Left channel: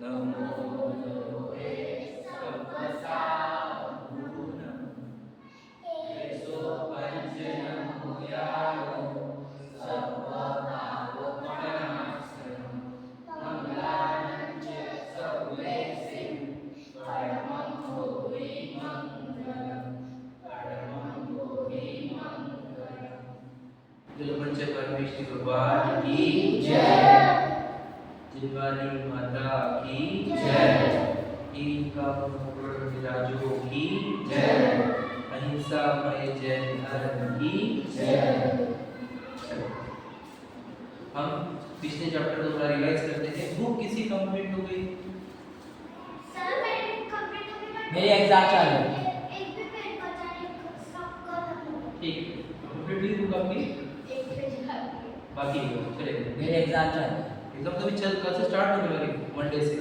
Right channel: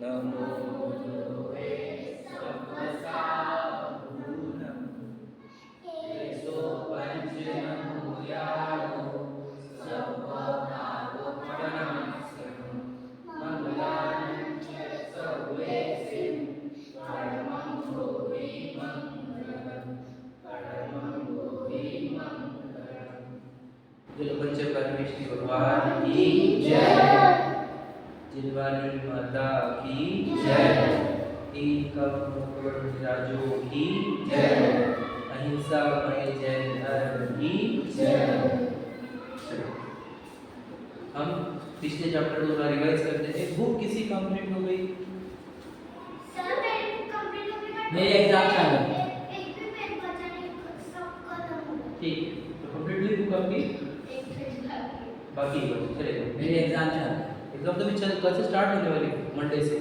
नमो द्रोवे सप्पसाहूनम् एसो पंचनमूयानो सप्पनावपनासनं मंगलानं च सर्वेसिं परमं भूरि मंगलम्। बोलो पंच परमेश्वरी भगवान की जय। जिनवानी माता की जय। राजो की जय। अहिंसा मय जैन धर्म की जय। हम पिछले चैप्टर को रिवाइज करते हैं। बुक किसी कंप्लीट हो गई? सर मेरी बुक कंप्लीट हो गई, मेरी एग्जाम चालू है। एक भी पेज बचा नहीं, सब खत्म हो गया। ठीक है, तो कंप्लीट हुई बुक आपकी? एक पेज बाकी है, चलेगा। मेरी एग्जाम चालू है। एग्जाम तो भी कल से स्टार्ट होने वाली है, मंडे से।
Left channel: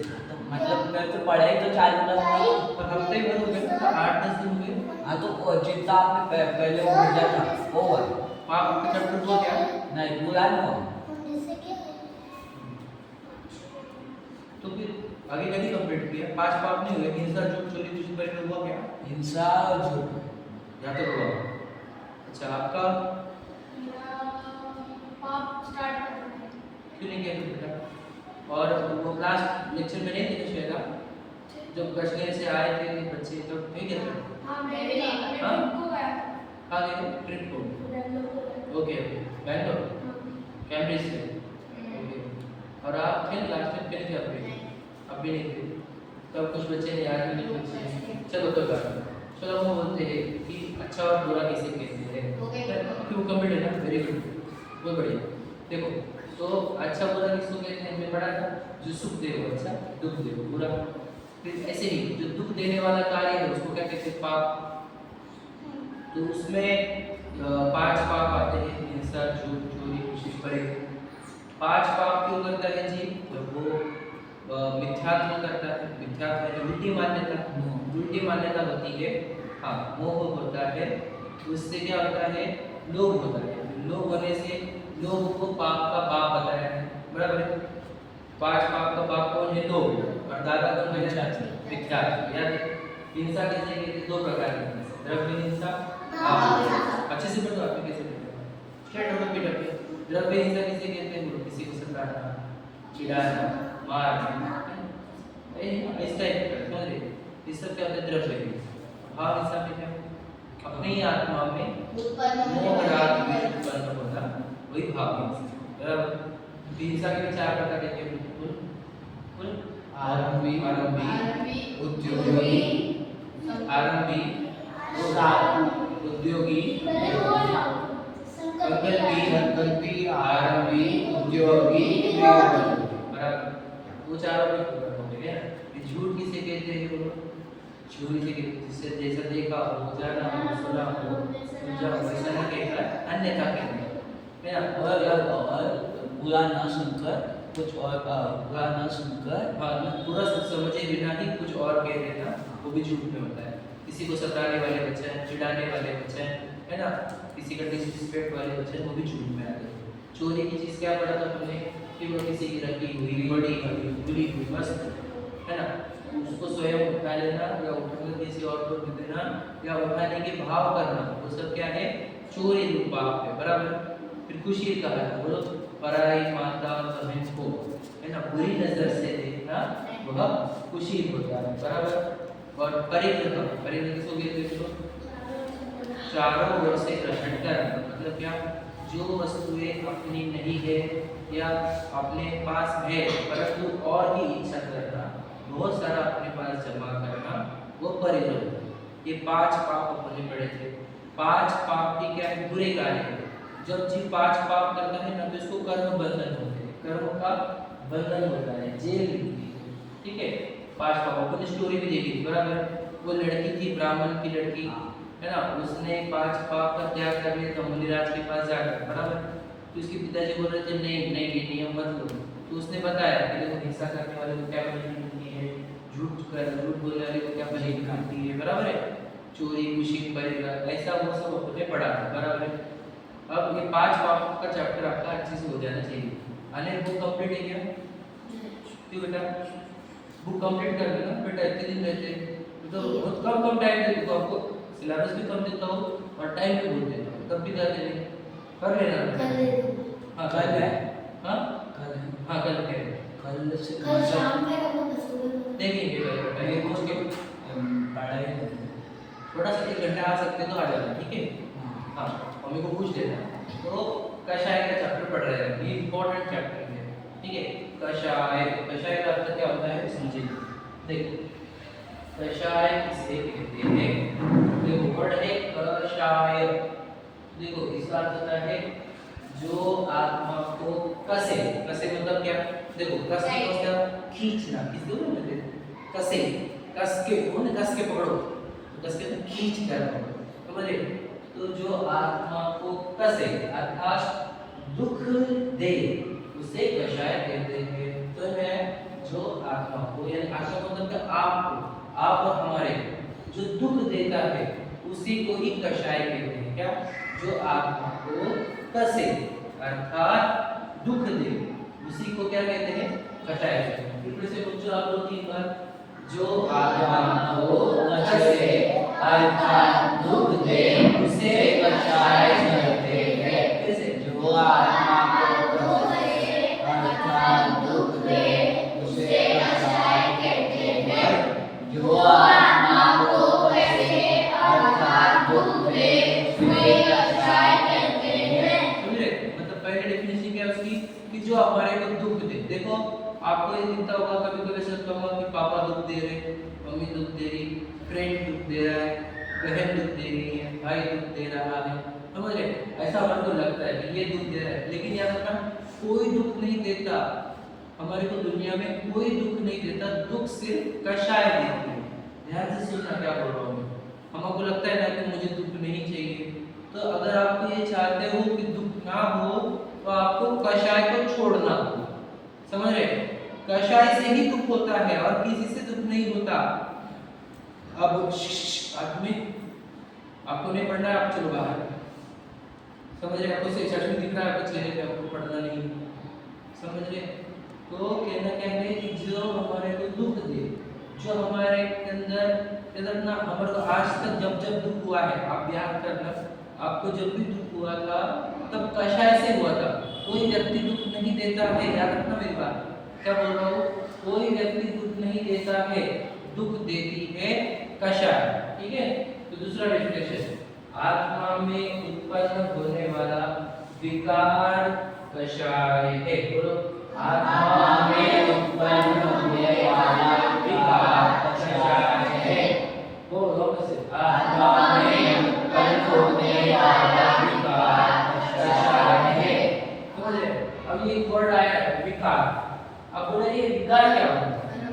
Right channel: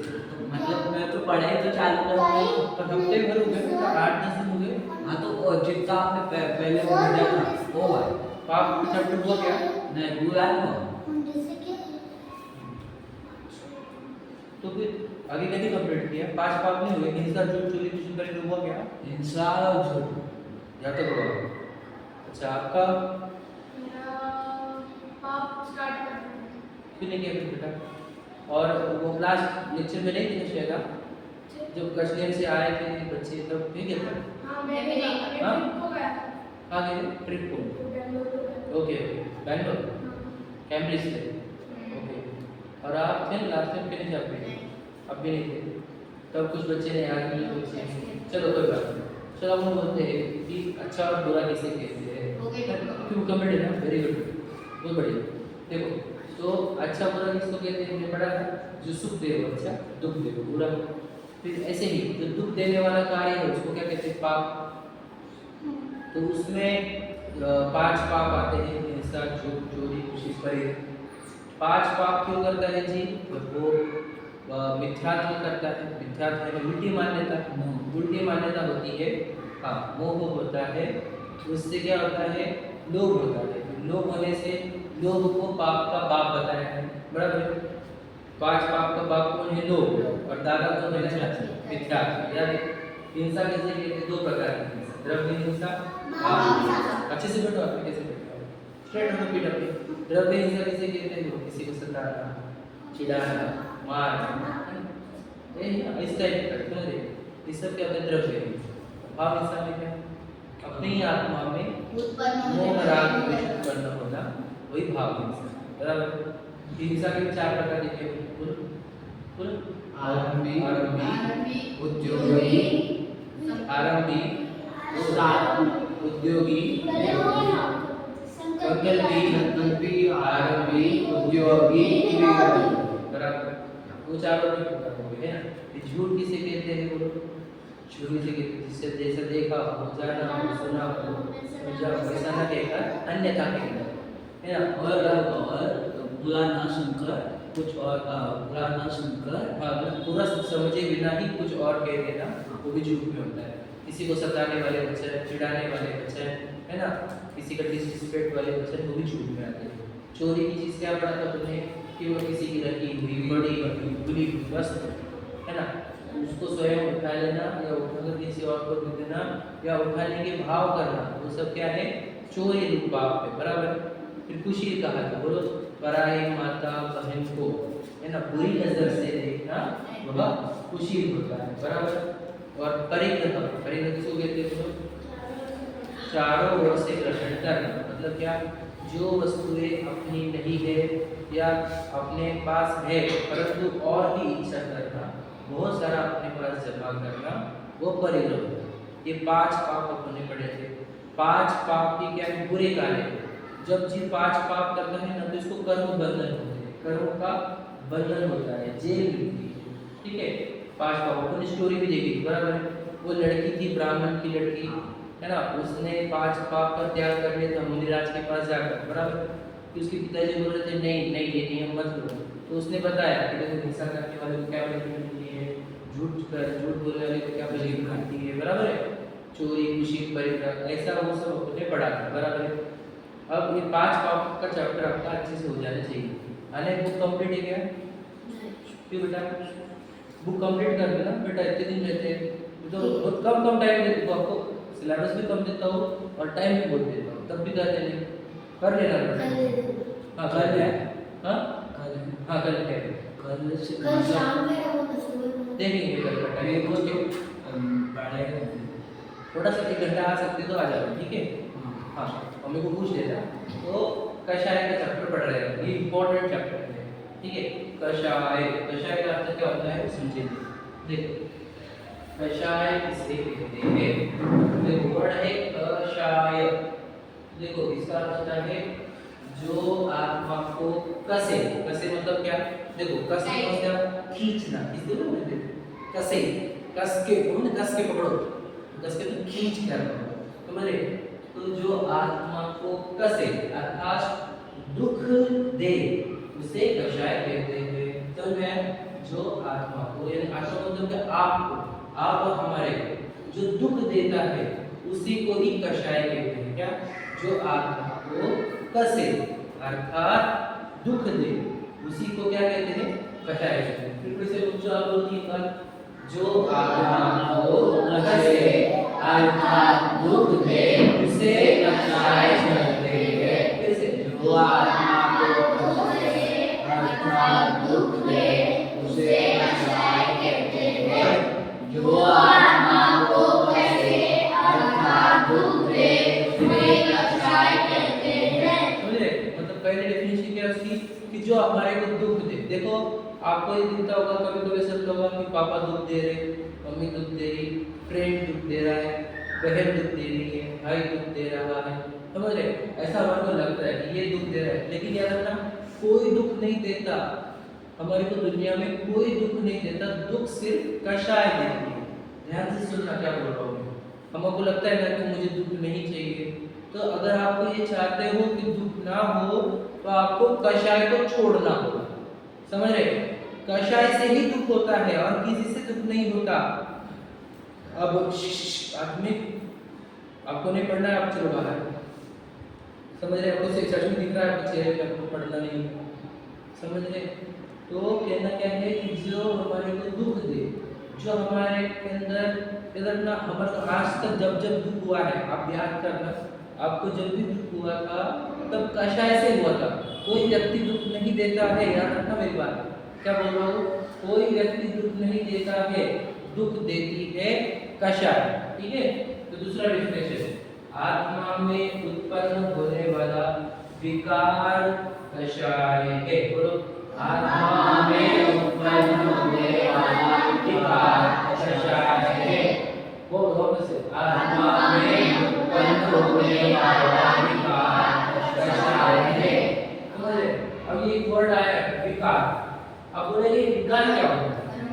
मतलब मैं तो पढ़ाई तो चालू कर रहा हूँ। पर हफ्ते भर हो गए, तो 8-10 दिन हो गए। हाँ तो जितना आपने पहले वो दिया था वो है। पाप का चैप्टर हुआ क्या? नहीं पूरा नहीं हुआ। तो फिर आगे क्या नहीं कंप्लीट किया? 5 पाप नहीं हुए? हिंसा, झूठ, चोरी, दूषण, परिग्रह हुआ क्या? हिंसा और झूठ या तो हुआ। अच्छा, आपका पाप स्टार्ट करते हैं। क्यों नहीं किया फिर बेटा? और वो क्लास लेक्चर में नहीं थे किया था? जब कश्मीर से आए थे बच्चे तब नहीं किया था? हाँ मैं भी नहीं, हाँ? ट्रिप को गया था। कहाँ गए थे? ट्रिप को? ओके ओके, बैंगलोर, कैम्ब्रिज से। ओके, और आप थे लास्ट टाइम कहीं थे? आप भी? अब भी नहीं थे। तब कुछ बच्चे ने आज भी कुछ, चलो कोई बात नहीं। चलो हम बोलते हैं कि अच्छा और बुरा किसे कहते हैं? क्यों कमेंट है ना? वेरी गुड, बहुत बढ़िया। देखो तो अच्छा बुरा किसको कहते हैं? हमने पढ़ा था, जो सुख दे वो अच्छा, दुख दे वो बुरा। फिर ऐसे ही जो दुख देने वाला कार्य है उसको क्या कहते हैं? पाप। तो उसमें 5 पाप आते हैं, हिंसा, झूठ, चोरी, खुशी, परिग्रह। 5 पाप क्यों करता है जी? वो मिथ्यात्व करता है। मिथ्यात्व है उल्टी मान्यता। उल्टी मान्यता होती है, हाँ, मोह होता है। उससे क्या होता है? लोभ होता है। लोभ होने से लोभ को पाप का बाप बताया है, बराबर है? 5 पाप का बाप कौन है? लोभ। और दादा कौन है? मिथ्यात्व। याद है? हिंसा किसे कहते हैं? 2 प्रकार की हिंसा, द्रव्य हिंसा, भाव हिंसा। अच्छे से बैठो, आपने कैसे बैठे हो? स्ट्रेट हो, पीठ पे। द्रव्य हिंसा किसे कहते हैं? किसी को सताना, चिढ़ाना, मारना, इस टाइप का, समझ रहे? ये सब क्या होता है? द्रव्य हिंसा। भाव हिंसा में क्या? अपनी आत्मा में मोह राग द्वेष उत्पन्न होना, वही भाव हिंसा, बराबर? हिंसा के 4 प्रकार के कुल आरंभी, उद्योगी, आरंभी, उद्योगी, संकल्पी, आरंभी, उद्योगी, बराबर? वो चारों के प्रकार हो गए ना। झूठ किसे कहते हैं? बोलो। झूठ किसे कहते हैं? जिससे जैसा देखा हो, जाना हो, सुना हो, समझा हो, वैसा ना कहकर अन्यथा कहना, है ना? और बुरा ना सुनकर कुछ और बुरा ना सुनकर, हाँ, पूरा समझे बिना ही कुछ और कह देना, वो भी झूठ में होता है। किसी को सताने वाले वचन, चिढ़ाने वाले वचन, है ना, किसी का डिसरिस्पेक्ट वाले वचन, वो भी झूठ में आते हैं। चोरी की चीज़ क्या पढ़ा था तुमने? कि वो किसी की रखी हुई, बड़ी हुई, बुरी हुई वस्तु, है ना, उसको स्वयं उठा लेना या उठाकर किसी और को दे देना या उठाने के भाव करना, वो सब क्या है? चोरी रूप पाप है, बराबर? फिर खुशी कहा था, बोलो। पराई माता बहन को, है ना, बुरी नजर से देखना, वह खुशी होता है, बराबर? और परिग्रह, परिग्रह किसको कहते हैं? चारों ओर से ग्रहण करना, मतलब क्या? जो वस्तुएं अपनी नहीं है या अपने पास है परंतु और भी इच्छा करना, बहुत सारा अपने पास जमा करना, वो परिग्रह होता है। ये 5 पाप अपने पढ़े थे। 5 पाप की क्या है? बुरे कार्य। जब जीव 5 पाप करता है ना, तो इसको कर्म बंधन होते हैं, कर्म का बंधन होता है, जेल मिलती है, ठीक है? 5 पाप, अपन स्टोरी भी देखी थी, बराबर? वो लड़की थी, ब्राह्मण की लड़की, है ना, उसने 5 पाप का त्याग कर लिया था मुनिराज के पास जाकर, बराबर? तो उसके पिताजी बोल रहे थे नहीं नहीं, ये नियम मत करो। तो उसने बताया कि देखो, हिंसा करने वाले को क्या बलि मिलती है, झूठ बोलने वाले को क्या बलि मिलती है, बराबर है? चोरी, खुशी, परिग्रह, ऐसा वो सब उसने पढ़ा था, बराबर है? अब ये 5 पाप का चैप्टर आपका अच्छे से हो जाना चाहिए। अनेक बुक कंप्लीट है क्या? क्यों बेटा? बुक कंप्लीट कर देना बेटा, इतने दिन रहते हैं तो बहुत कम टाइम देता हूँ आपको, सिलेबस भी कम देता हूँ और टाइम भी बहुत देता हूँ, तब भी जाते नहीं, कर लेना कल बेटा। हाँ कल है। हाँ कल है। हाँ कल है, कल से कल शाम में हम लोग सुबह में देखेंगे कल का मेरे टाइम को उसके तो पढ़ाई नहीं। थोड़ा सा 1 घंटा आ सकते तो आ जाना, ठीक है। हाँ। हाँ मम्मी को पूछ लेना। तो कषाय का चैप्टर पढ़ रहे हैं, ये इंपॉर्टेंट चैप्टर है, ठीक है। कषाय, कषाय का अर्थ क्या होता है समझिए। देखो कषाय किसे कहते हैं, देखो वर्ड है कषाय, देखो इसका अर्थ होता है जो आत्मा को कसे, कसे मतलब क्या, देखो कसे मतलब खींचना, किस दो ना कसे, कस के कौन, कस के पकड़ो, कस के तो खींच कर पकड़ो, समझे। तो जो आत्मा को कसे अर्थात दुख दे उसे कषाय कहते हैं। तो मैं जो आत्मा को, यानी आत्मा मतलब कि आपको, आप और हमारे जो दुख देता है उसी को ही कषाय कहते हैं। क्या, जो आत्मा को कसे अर्थात दुख दे उसी को क्या कहते हैं, कषाय कहते हैं। फिर से बच्चों आप लोग एक बार, जो आत्मा को कसे अर्थात दुख दे उसे कषाय कहते हैं। कैसे, जो आत्मा को कसे अर्थात दुख दे उसे कषाय कहते हैं। जो आत्मा को कसे अर्थात दुख दे उसे कषाय कहते हैं। समझ रहे, मतलब पहले डेफिनेशन क्या है उसकी, कि जो हमारे को दुख दे। देखो आपको ये दिखता होगा, कभी कभी सोचता होगा कि पापा दुख दे रहे, मम्मी दुख दे रही, फ्रेंड दुख दे रहा है, बहन दुख दे रही है, भाई दुख दे रहा है, समझ रहे, ऐसा मन को लगता है कि ये दुख दे रहा है। लेकिन याद रखना कोई दुख नहीं देता हमारे को, दुनिया में कोई दुख नहीं देता, दुख सिर्फ कषाय देती है। ध्यान से सुनना क्या बोल रहा हूँ मैं। हमको लगता है ना कि मुझे दुख नहीं चाहिए, तो अगर आप ये चाहते हो कि दुख ना हो तो आपको कषाय को छोड़ना होगा, समझ रहे। कषाय से ही दुख होता है और किसी से दुख नहीं होता। अब आदमी आपको नहीं पढ़ना है, आप चलो बाहर, समझ रहे। आपको सच में दिख रहा है आपके चेहरे पे, आपको पढ़ना नहीं, समझ रहे। तो कहना क्या है कि जो हमारे को दुख दे, जो हमारे के अंदर ना, हमारे को आज तक जब जब दुख हुआ है, आप याद करना, आपको जब भी दुख हुआ था तब कषाय से हुआ था। कोई व्यक्ति दुख नहीं देता है, याद रखना मेरी बात, क्या बोल रहा हूँ, कोई व्यक्ति दुख नहीं देता है, दुख देती है कषाय, ठीक है। तो दूसरा डेफिनेशन, आत्मा में उत्पन्न होने वाला विकार कषाय है। बोलो, आत्मा में उत्पन्न होने वाला विकार कषाय है। बोलो वापस से, आत्मा में उत्पन्न होने वाला विकार कषाय है। समझे। अब ये एक वर्ड आया है विकार, अब बोले ये विकार क्या होता है,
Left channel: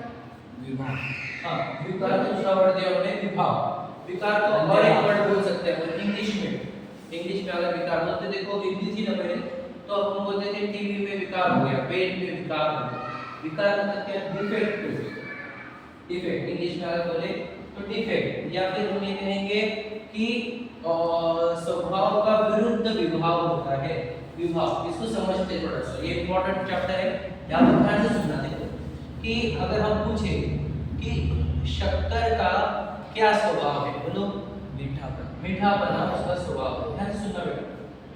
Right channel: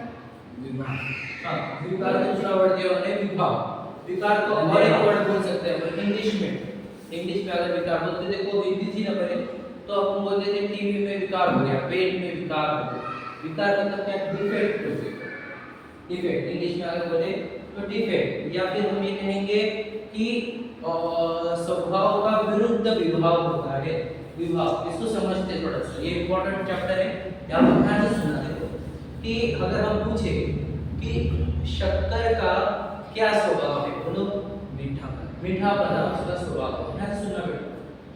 विभाग। हाँ, विकार का दूसरा वर्ड दिया उन्होंने विभाग। विकार को और एक वर्ड बोल सकते हैं इंग्लिश में अगर विकार बोलते, देखो हिंदी थी ना पहले, तो हम बोलते थे टीवी में विकार हो गया, पेट में विकार हो गया। विकार मतलब क्या, डिफेक्ट, डिफेक्ट इंग्लिश में अगर बोले तो डिफेक्ट, या फिर हम ये कहेंगे कि स्वभाव का विरुद्ध विभाव होता है, विभाव। इसको समझते हैं थोड़ा सा, ये इंपॉर्टेंट चैप्टर है, यहाँ पर ध्यान से सुनना। देखो कि अगर हम पूछे कि शक्कर का क्या स्वभाव है, बोलो, मीठापन। मीठापना उसका स्वभाव है। ध्यान से सुनना बेटा,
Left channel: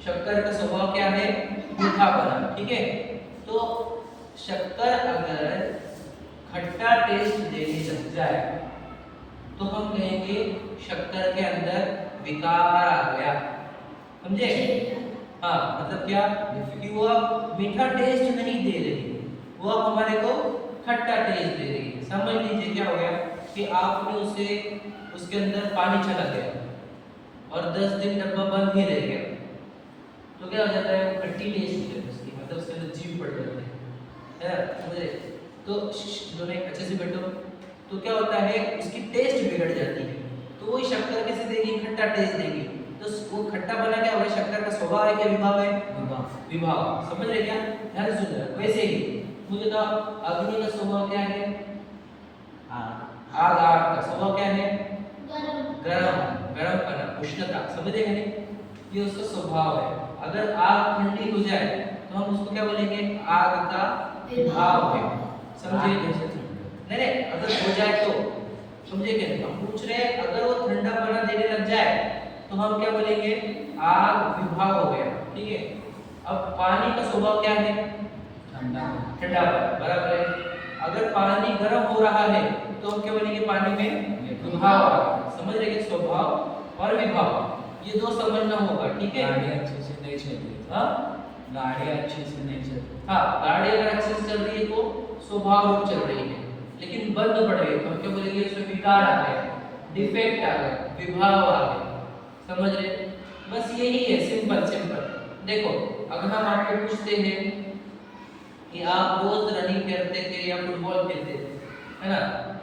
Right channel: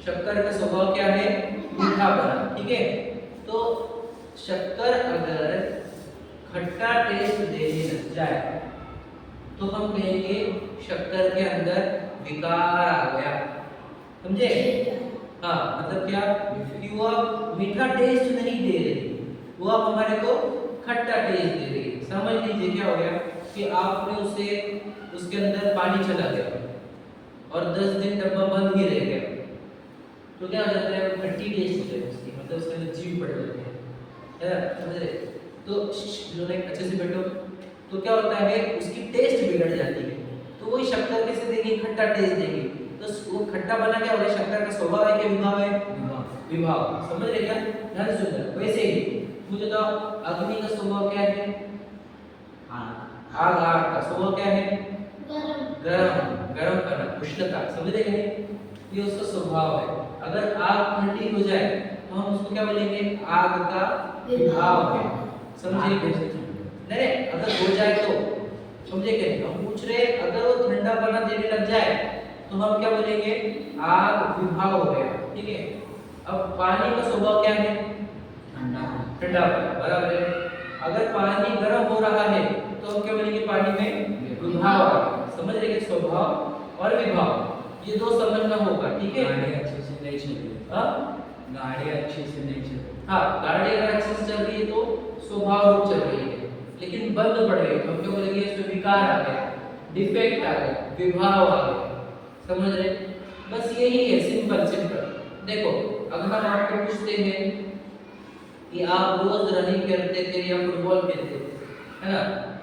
शक्कर का स्वभाव क्या है, मीठापना, ठीक है। तो शक्कर अगर खट्टा टेस्ट देने लग जाए तो हम कहेंगे शक्कर के अंदर विकार आ गया, समझे। हाँ, मतलब क्या कि वो अब मीठा टेस्ट नहीं दे रही, वो अब हमारे को खट्टा टेस्ट दे रही है। समझ लीजिए क्या हो गया कि आपने उसे, उसके अंदर पानी चला गया और 10 दिन डब्बा बंद ही रह गया, तो क्या हो जाता है, वो खट्टी टेस्ट है उसकी, मतलब उसके अंदर जीव पड़ जाते हैं, समझे। तो दोनों अच्छे से बैठो, तो क्या होता है, उसकी टेस्ट बिगड़ जाती है। तो वही शक्कर कैसे देगी, खट्टा टेस्ट देगी, तो वो खट्टा बना क्या हो गया, शक्कर का स्वभाव है क्या, विभाव है, विभाव, समझ रहे क्या, ध्यान से सुन रहे। वैसे ही मुझे बताओ, अग्नि का स्वभाव क्या है, आग, आग का स्वभाव क्या है, गरम, गरमपना, उष्णता, समझ रहे नहीं, ये उसका स्वभाव है। अगर आग ठंडी हो जाए तो हम उसको क्या बोलेंगे, आग का विभाव है, समझे। नहीं गिरने लग जाए तो हम क्या बोलेंगे, आग विभाव हो गया, ठीक है। अब पानी का स्वभाव क्या है, ठंडा ठंडा, बराबर है। अगर पानी गर्म हो रहा है तो हम क्या बोलेंगे, पानी में विभाव आ गया। समझ रहे हैं, स्वभाव और विभाव ये दो समझना होगा, ठीक है। गाड़ी अच्छे से नहीं चली, हाँ गाड़ी अच्छे से नहीं चली, हाँ, गाड़ी अगर अच्छे से चल रही है तो स्वभाव रूप चल रही है, लेकिन बंद पड़ रही है तो हम क्या बोलेंगे, इसमें विकार आ गया, डिफेक्ट आ गया, विभाव आ गया। समझ रहे, बस यही है, सिंपल सिंपल। देखो अगर हम आपको पूछते हैं कि आप रोज रनिंग करते थे या फुटबॉल खेलते थे, है ना,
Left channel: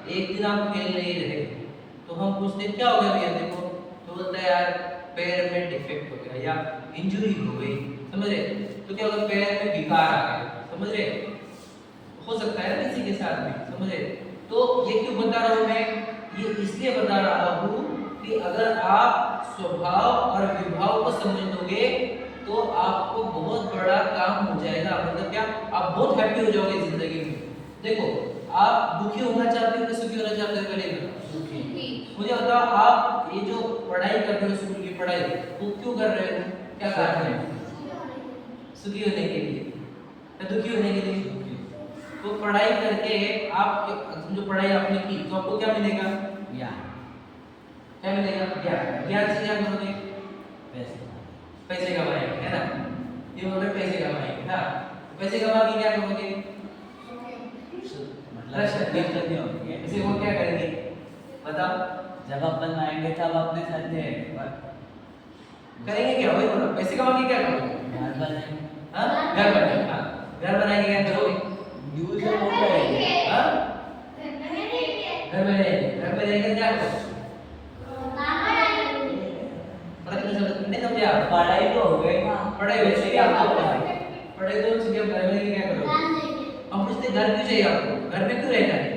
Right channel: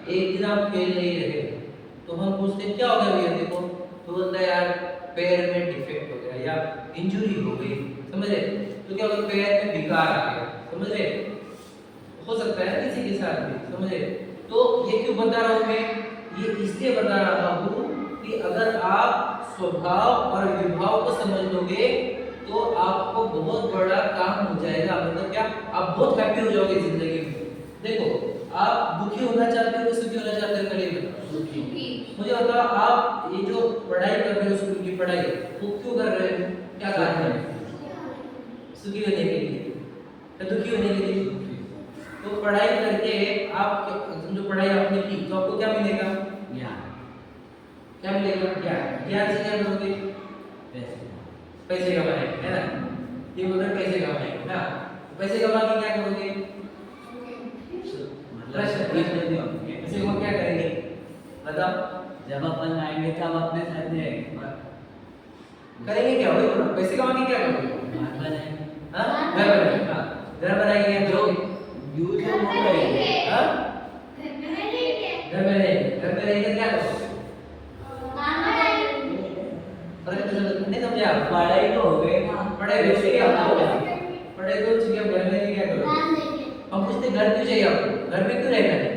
एक दिन आप खेल नहीं रहे तो हम पूछते क्या हो गया भैया, देखो तो बोलता है यार पैर में डिफेक्ट हो गया या इंजरी हो गई। समझ रहे, तो क्या होगा, पैर में विकार आ गया। समझ रहे, हो सकता है ना किसी के साथ भी। समझ रहे, तो ये क्यों बता रहा हूं मैं, ये इसलिए बता रहा हूं कि अगर आप स्वभाव और विभाव को समझ लोगे तो आपको बहुत बड़ा काम हो जाएगा। मतलब क्या, आप बहुत हैप्पी हो जाओगे जिंदगी में। देखो आप दुखी होना चाहते हो कि सुखी होना चाहते हो, पहले बताओ। सुखी। मुझे बताओ, आप ये जो पढ़ाई कर रहे हो, स्कूल की पढ़ाई, वो क्यों कर रहे हो, क्या कारण है, सुखी होने के लिए या दुखी होने के लिए? तो पढ़ाई करके आप जो पढ़ाई आपने की तो आपको क्या मिलेगा, ज्ञान, क्या मिलेगा, ज्ञान। ज्ञान से क्या करोगे, पैसे, पैसे कमाएंगे, है ना, ये बोल रहे पैसे कमाएंगे ना, पैसे कमा के क्या करोगे, मतलब नहीं होंगे। पैसे को क्या करेंगे बताओ, जब अपन आएंगे तब अपने साथ करेंगे क्या, वही बोला, पैसे कमा के क्या करोगे, घर बनाएंगे, हाँ घर बनाएंगे, हाँ घर बनाएंगे, क्या करोगे, यूज हो गए, हाँ घर में रहेंगे, घर में रहेंगे क्या करोगे, नहीं समझे आप, पढ़ाई तो हो गई ना, पढ़ाई वैसे क्या करोगे, पढ़ाई तो सीधे घर में रह के क्या करोगे। हम पूछते घर क्यों चाहिए आपको, घर में क्यों रहना है,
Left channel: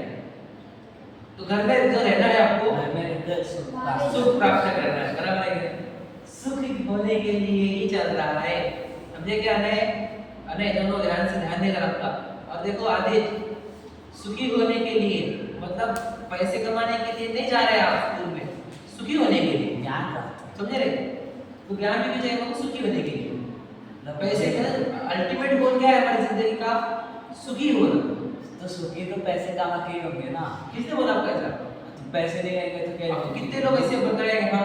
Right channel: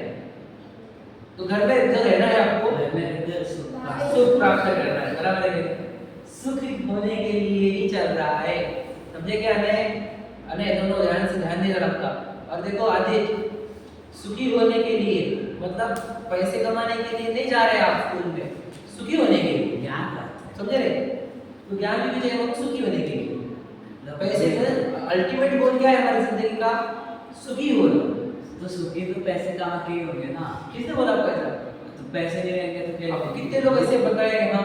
तो घर में जो रहना है आपको घर में रहकर सुख प्राप्त करना है, बराबर है कि सुखी होने के लिए ही चल रहा है। समझे क्या, अने दोनों ध्यान से ध्यान देकर रखा। और देखो आदित्य, सुखी होने के लिए मतलब पैसे कमाने के लिए नहीं जा रहे आप स्कूल में, सुखी होने के लिए, ज्ञान का, समझे रहे, तो ज्ञान भी चाहिए हमको सुखी होने के लिए। पैसे अल्टीमेट गोल क्या है हमारी जिंदगी का, सुखी होना। तो सुखी तो पैसे कमा के ही होंगे ना, किसने बोला आपका ऐसा, तो पैसे नहीं रहेंगे तो क्या आपको कितने लोग ऐसे बताए हम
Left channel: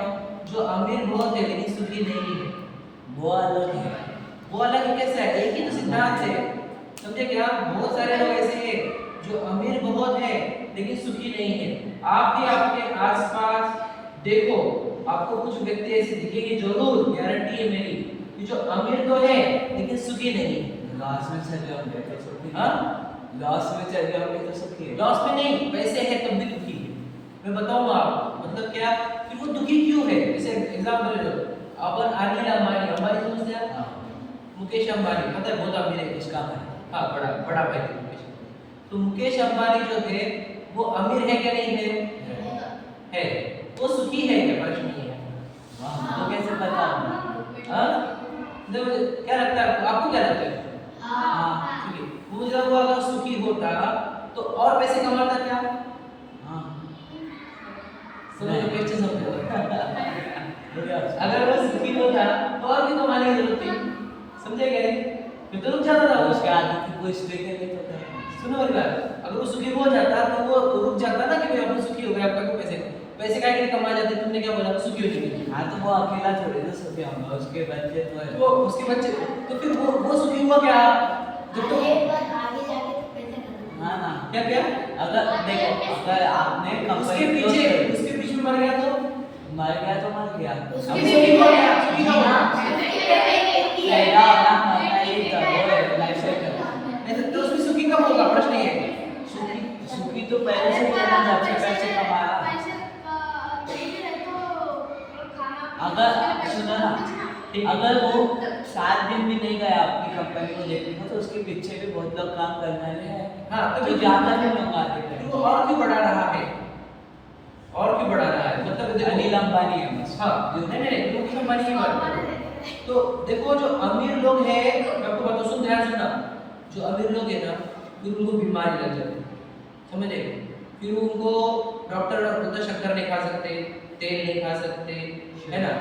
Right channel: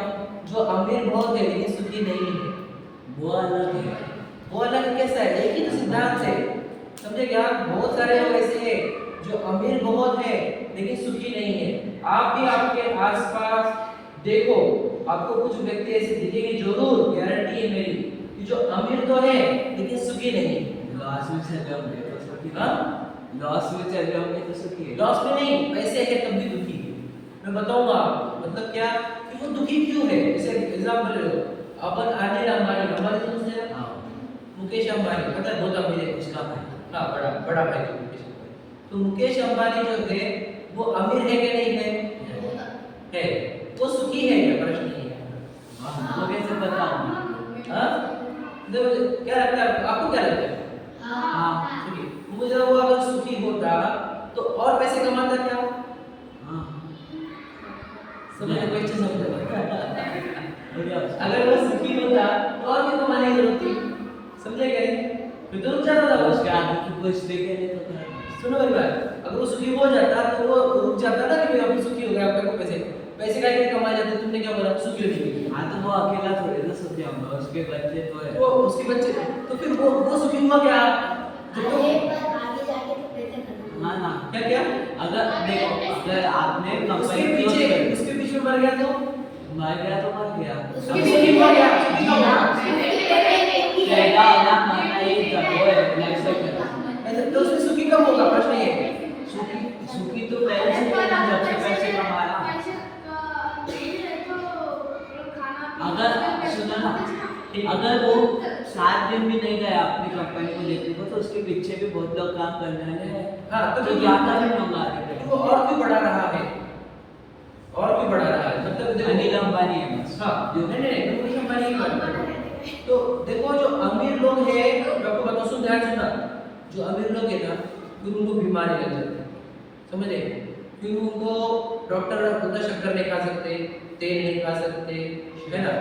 जो अमीर बहुत है लेकिन सुखी नहीं है, वो अलग है, वो अलग कैसा है, एक ही तो सिद्धांत है। समझे क्या, बहुत सारे लोग ऐसे हैं जो अमीर बहुत है लेकिन सुखी नहीं है। आप भी आपके आसपास देखो, आपको कुछ व्यक्ति ऐसे दिखेंगे जरूर, गारंटी है मेरी, कि जो अमीर तो है लेकिन सुखी नहीं। लॉस में चल रहे होंगे तो सुखी, हाँ लॉस में चल रहे होंगे तो सुखी है, लॉस में नहीं, पैसे है तब भी दुखी है। मैं बताऊंगा आपको मतलब क्या, फिर वो दुखी क्यों है। जैसे एग्जांपल लो, अपन अनिल अंबानी, अंबानी समझते हैं, हाँ, मुकेश अंबानी, पता है बहुत अमीर है, उसका भाई, हाँ बड़ा बड़ा भाई है मुकेश अंबानी। तो मुकेश अंबानी जो है वो अमीर है क्या नहीं है, है। वो सुखी है क्या, प्रश्न नहीं है। वाह, वो कैसे पता होगा, हाँ क्या लगता है आपको, क्या लगता है, हाँ, सुखी, मुझे वो अगर सुखी होता तो और पैसे कमाता क्या, हाँ, समझो क्वेश्चन समझो। बढ़िया, अगर वो सुखी होता तो और भी कमाने की जरूरत थी, समझे क्या, फिर तो रुक जाता था उसके उसका। आगे की कुछ देखे नहीं तो करेंगे, सुनो एक बार, अगर वो सुखी हो जाता तो वो रुक जाता ना कि भाई अपन सुखी हो गए, आपका को पैसे पैसे का के कमा जाते, तुमने क्या बोला सुखी होने के लिए। हाँ तो वो अकेला थोड़ी ना सुखी होगा, उसके बच्चे तो है, वो उसके बच्चे, तो फिर वो सुखी हुआ क्या, जब तो आगे जाके तो पैसे खत्म। हाँ ना, क्या क्या अगर देखो, अगर आपने कंपनी उसके पीछे मर गया तो मर गया तो मर गया, उसके अब सुखी हो गया, सुखी का हुआ रहना होना मरना ये तो वो है, लाइफ साइकिल। ऐसे तो उसमें सुखी कब होगा, प्रश्न ये है। सुखी तो पहले से था जब से पैसे कमा रहा, अगर सुनो ना, अगर वो 7 दिन भी नहीं गया अपनी कंपनी को देखने को तो उसके पीछे भी बहुत लोग काम करने वाले हैं, हाँ तो तो ज्यादा भी मंगा देते वो और क्यों बढ़ा रहा है, और क्यों बढ़ा रहा है, मतलब देखो अनिल अंबानी है बस, हाँ नहीं मुकेश अंबानी की बात कर रहा हूं। तो देखो जो अमीर लोग हैं, मैं आपको बताऊं, सुन ध्यान सुनना, जो अमीर लोग हैं ना फिर उनको बीमारी लग जाती है, समझे, फिर उनको डॉक्टर बोलता शक्कर नहीं खा सकते, तेल नहीं खा सकते, है ना,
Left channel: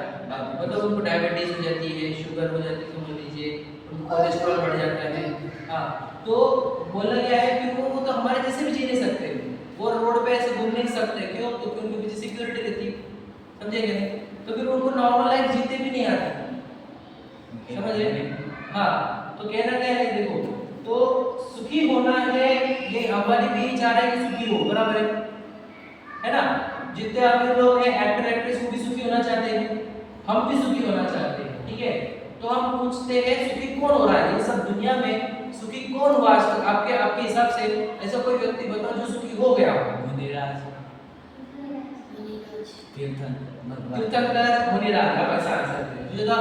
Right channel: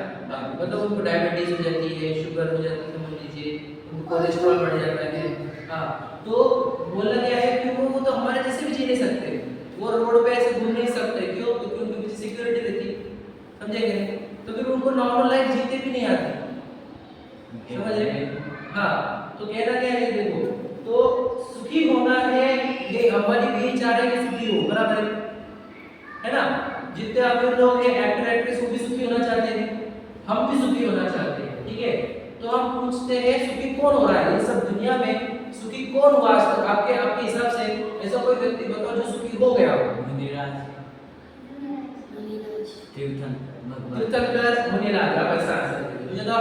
मतलब उनको डायबिटीज हो जाती है, शुगर हो जाती है, समझ लीजिए उनको कोलेस्ट्रॉल बढ़ जाता है। हाँ, तो बोला गया है कि वो तो हमारे जैसे भी जी नहीं सकते, वो रोड पे ऐसे घूम नहीं सकते, क्यों? क्योंकि उनके पीछे सिक्योरिटी रहती, समझेंगे नहीं, तो फिर उनको नॉर्मल लाइफ जीते भी नहीं आती, समझे? हाँ, तो कहना क्या है, देखो, तो सुखी होना है, ये हमारी भी इच्छा है कि सुखी हो, बराबर है ना? जितने अमीर लोग हैं, एक्टर एक्ट्रेस, वो भी सुखी होना चाहते हैं, हम भी सुखी होना चाहते हैं, ठीक है? तो हम पूछते हैं सुखी कौन हो रहा है, ये सब दुनिया में सुखी कौन हुआ आज तक? आपके हिसाब से ऐसा कोई व्यक्ति बताओ जो सुखी हो गया हो। मुनिराज, तीर्थंकर, मुनिराज, आप ऐसा आंसर करें। तुझे तो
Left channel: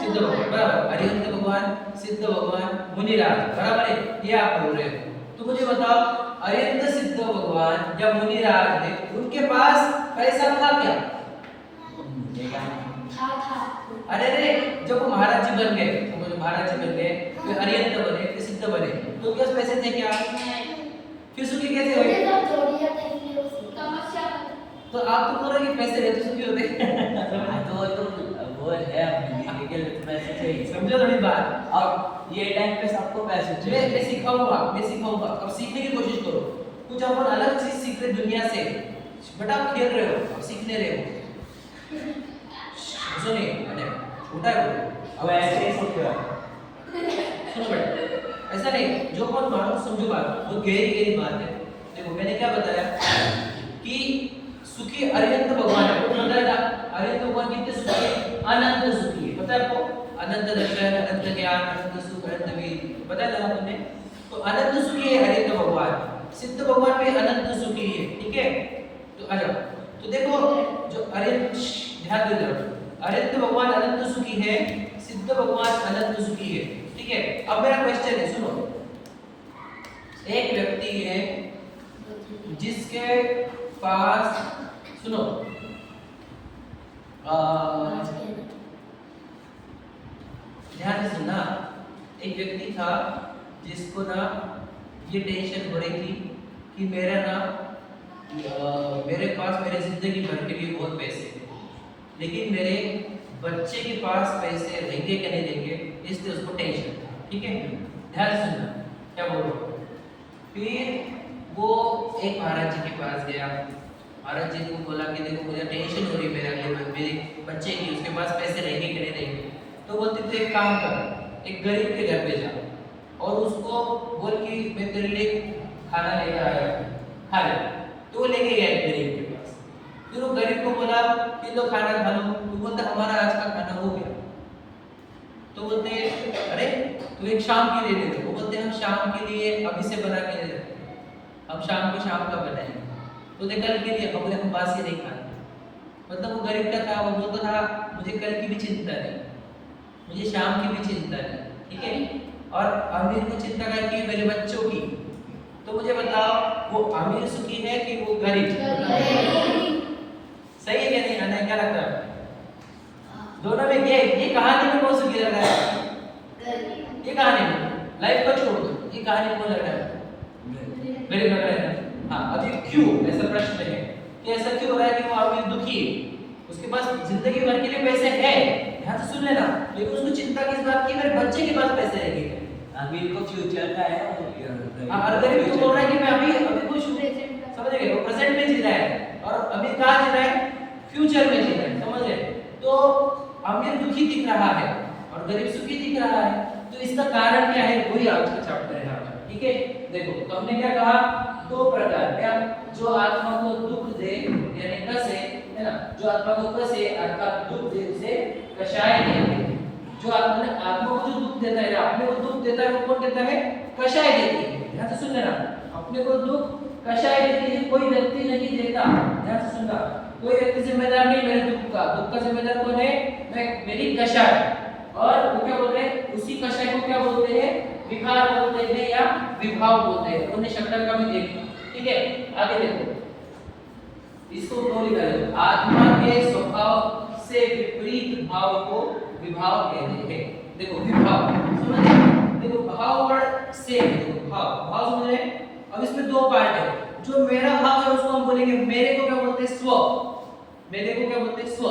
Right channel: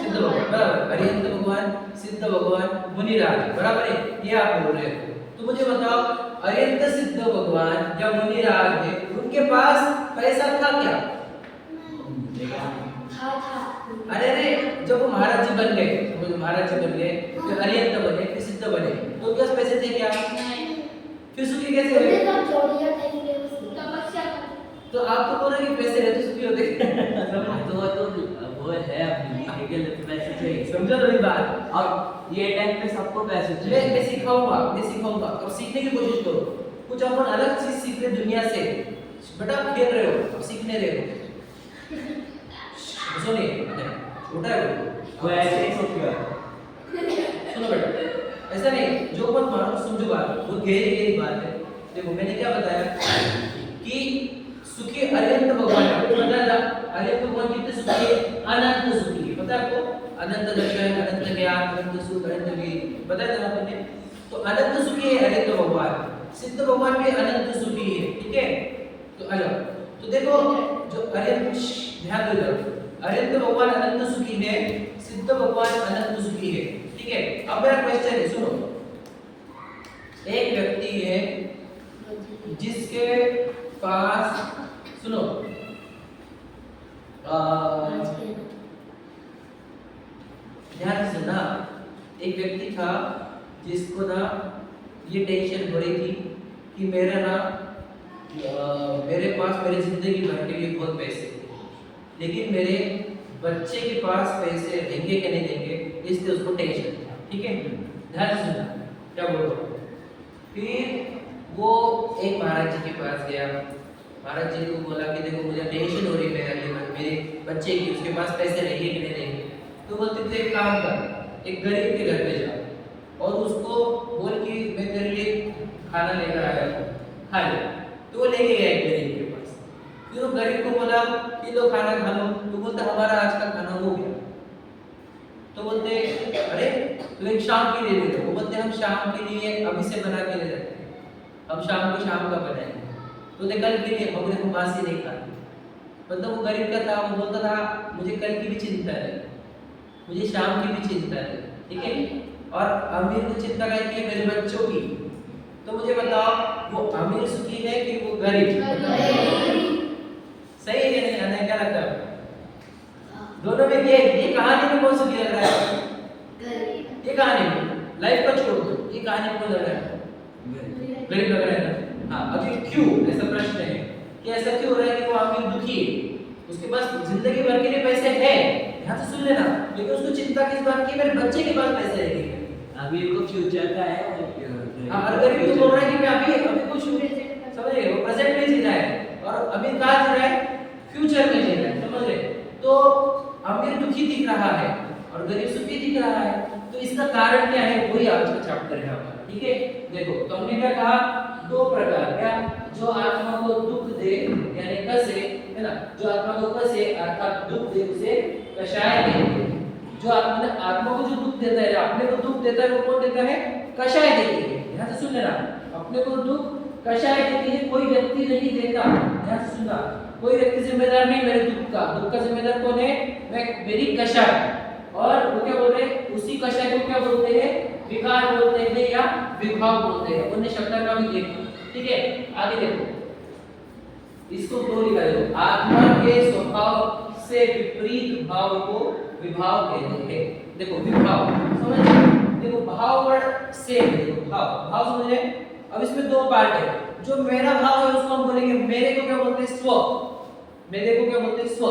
सिद्ध भगवान, बराबर, अरिहंत भगवान, सिद्ध भगवान, मुनिराज, बराबर है, ये आप बोल रहे हो। तो मुझे बताओ, अरिहंत सिद्ध भगवान या मुनिराज है, उनके पास पैसा था क्या? अरे रे, जब वो महाराज जी बन गए, समझो महाराज जी बन गए, फिर अरिहंत बने, फिर सिद्ध बने, तो क्या पैसे थे क्या? फिर सुखी कैसे हुए? तो आप तो बोल रहे कि पैसे रहते सुखी होते। वो है अपनी के लिए तो पैसे चाहिए, समझो थोड़ी बात। अब ये टाइम पे सबको पैसे चाहिए। मैं सिखाऊंगा, अब सीखने की कोशिश करो, कुछ अपन अलग चीज सीख रहे दुनिया से, बेटा आप खेल रहे हो, अब सीखने रहे हो, सुनिए, छोटा है वो ऐसे ही सोचो, सुनो बेटा, ऐसा नहीं, जो बात मानो समझो बात, बहुत गहरी बात है। देखो मैंने क्या बताया कि सुखी अरिहंत भगवान है, वो बताया अरिहंत भगवान कितने सुखी है? अनंत सुखी है, पता है आपको? अनंत दर्शन, अनंत ज्ञान, अनंत सुख, अनंत वीर, बताया था आपने? तो अनंत सुखी है अरिहंत भगवान, सिद्ध भगवान भी अनंत सुखी है, ठीक है? तो आ जाओ, तो देखो जो अरिहंत, ध्यान दे जाओ, अरिहंत भगवान अनंत सुखी है, सिद्ध भगवान अनंत सुखी है, ठीक है? अब मेरा क्वेश्चन है, सुनो, एक व्यक्ति है जिसके पास, सुनो, ध्यान से सुनना, एक व्यक्ति था जिसको ना ये टेंशन हो रही थी कि मेरे पास मेरे जिंदगी भर के लिए बहुत पैसे हैं, लेकिन मेरे बच्चे के पास पैसे देंगे कि नहीं देंगे, इसलिए उसको टेंशन था, ठीक है? ध्यान से सुनना क्या बोल रहा हूँ। फिर वो एक महाराज जी के पास गया, महाराज जी को बोला कि देखो मुझे टेंशन हो रही है मेरे बच्चे की, उसके पास पैसे रहेंगे कि नहीं रहेंगे। तो बोलते थे एक काम कर, एक गरीब के घर पे जा और उसको बोल कि मैं तेरे लिए खाना लेकर आया हूँ, खा ले। तो वो लेके गया एक गरीब के पास, फिर वो गरीब को बोला कि लो खाना खा लो, तो बोलता हमारा आज का खाना हो गया। तो बोलते अरे तो एक शाम के लिए दे दो, वो बोलते हम शाम के लिए अभी से बना के दे देते हैं, हम शाम को शाम का बनाएंगे, तो कल के लिए हम बासी नहीं खाते। मतलब वो गरीब का था, वो बोलता था मुझे कल की भी चिंता है, मुझे शाम की भी चिंता है, ठीक है? और अमीर को चिंता रहती है मेरे बच्चों की। तो मुझे बताओ वो अमीर सुखी है कि वो गरीब? सही है क्या नहीं? आने क्या लगता है दोनों में? ये कहानी में कौन सुखी लग रहा है? ये कहानी में, लाइफ को छोड़ दो, ये कहानी में कौन लग रहा है? गरीब लग रहा है ना? हाँ, अभी क्यों ऐसा प्रश्न है कि ऐसा क्यों हो रहा है कि वो अमीर दुखी है, उसके पास जिंदगी भर के लिए पैसे है, ध्यान से सुन लेना, लेकिन उसको चिंता किस बात की? मेरे बच्चे के पास पैसे रहेंगे। अमीर को फ्यूचर का है, और गरीब को बोल रहा है कि मैं अभी कुछ समझ गए, वो प्रेजेंट में जी रहा है और अमीर कहाँ जी रहा है? फ्यूचर में जी रहा है, समझ गए? तो अमीर दुखी दिख रहा है और गरीब सुखी दिख रहा है, तो इसका कारण क्या है? वही आज का चैप्टर है हमारा, ठीक है? देखो तो हमने क्या कहा, दो प्रकार, क्या? जो आत्मा को दुख दे यानी कसे, है ना, जो आत्मा को कसे अर्थात दुख दे उसे कषाय देते। जो आत्मा को जो दुख देता है, अपने को दुख देता है, वो कौन देता है? कषाय देती है। ध्यान से सुन लेना, अपने को दुख कषाय देती है, कोई व्यक्ति नहीं देता। ध्यान से सुनना, कोई व्यक्ति जिम्मेदार नहीं मेरे दुख का जिम्मेदार कौन है? मैं, मेरी कषाय। और वो क्या बोल रहे हैं? उसी कषाय को क्या बोलते हैं? विकार बोलते हैं या विभाव बोलते हैं। उन्हें शब्द का भी देखो, ठीक है? आगे देखो, इसको बोल रहा है, आत्मा के स्वभाव से विपरीत भाव को विभाव कहते हैं। देखो विभाव समझ, देखो भाव वर्ड से, देखो भाव समझ रहे, अब इसमें दो पार्ट है। जो मेरा भाव है उसको हम बोलेंगे, मेरे को क्या बोलते हैं, स्व। मेरे को क्या बोलते हैं, स्व।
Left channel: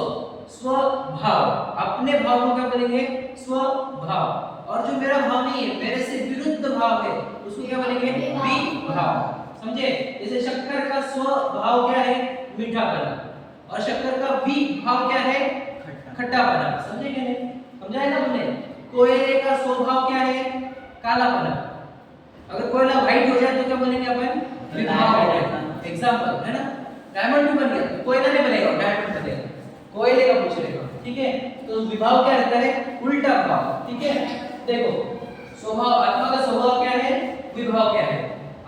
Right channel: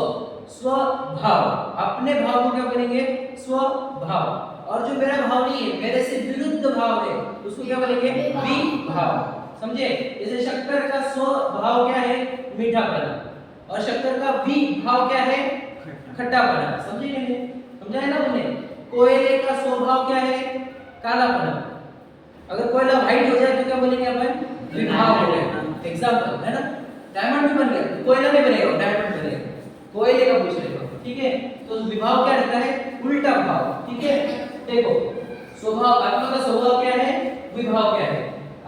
स्वभाव। अपने भाव को क्या बोलेंगे, स्वभाव। और जो मेरा भाव नहीं है, मेरे से विरुद्ध भाव है, उसको क्या बोलेंगे, विभाव। समझे? जैसे शक्कर का स्वभाव क्या है, मीठापना, और शक्कर का विभाव क्या है, खट्टापना। समझे क्या नहीं? समझा है ना हमने? कोयले का स्वभाव क्या है, कालापना। अगर कोयला व्हाइट हो जाए तो क्या बोलेंगे अपन, विभाव हो गया। एग्जांपल है ना, डायमंड भी बन गया तो कोयला नहीं बनेगा, डायमंड बनेगा। कोयले का पूछ लेगा, ठीक है? तो विभाव क्या रहता है, उल्टा भाव। ठीक है, देखो स्वभाव, आत्मा का स्वभाव क्या है, विभाव क्या है।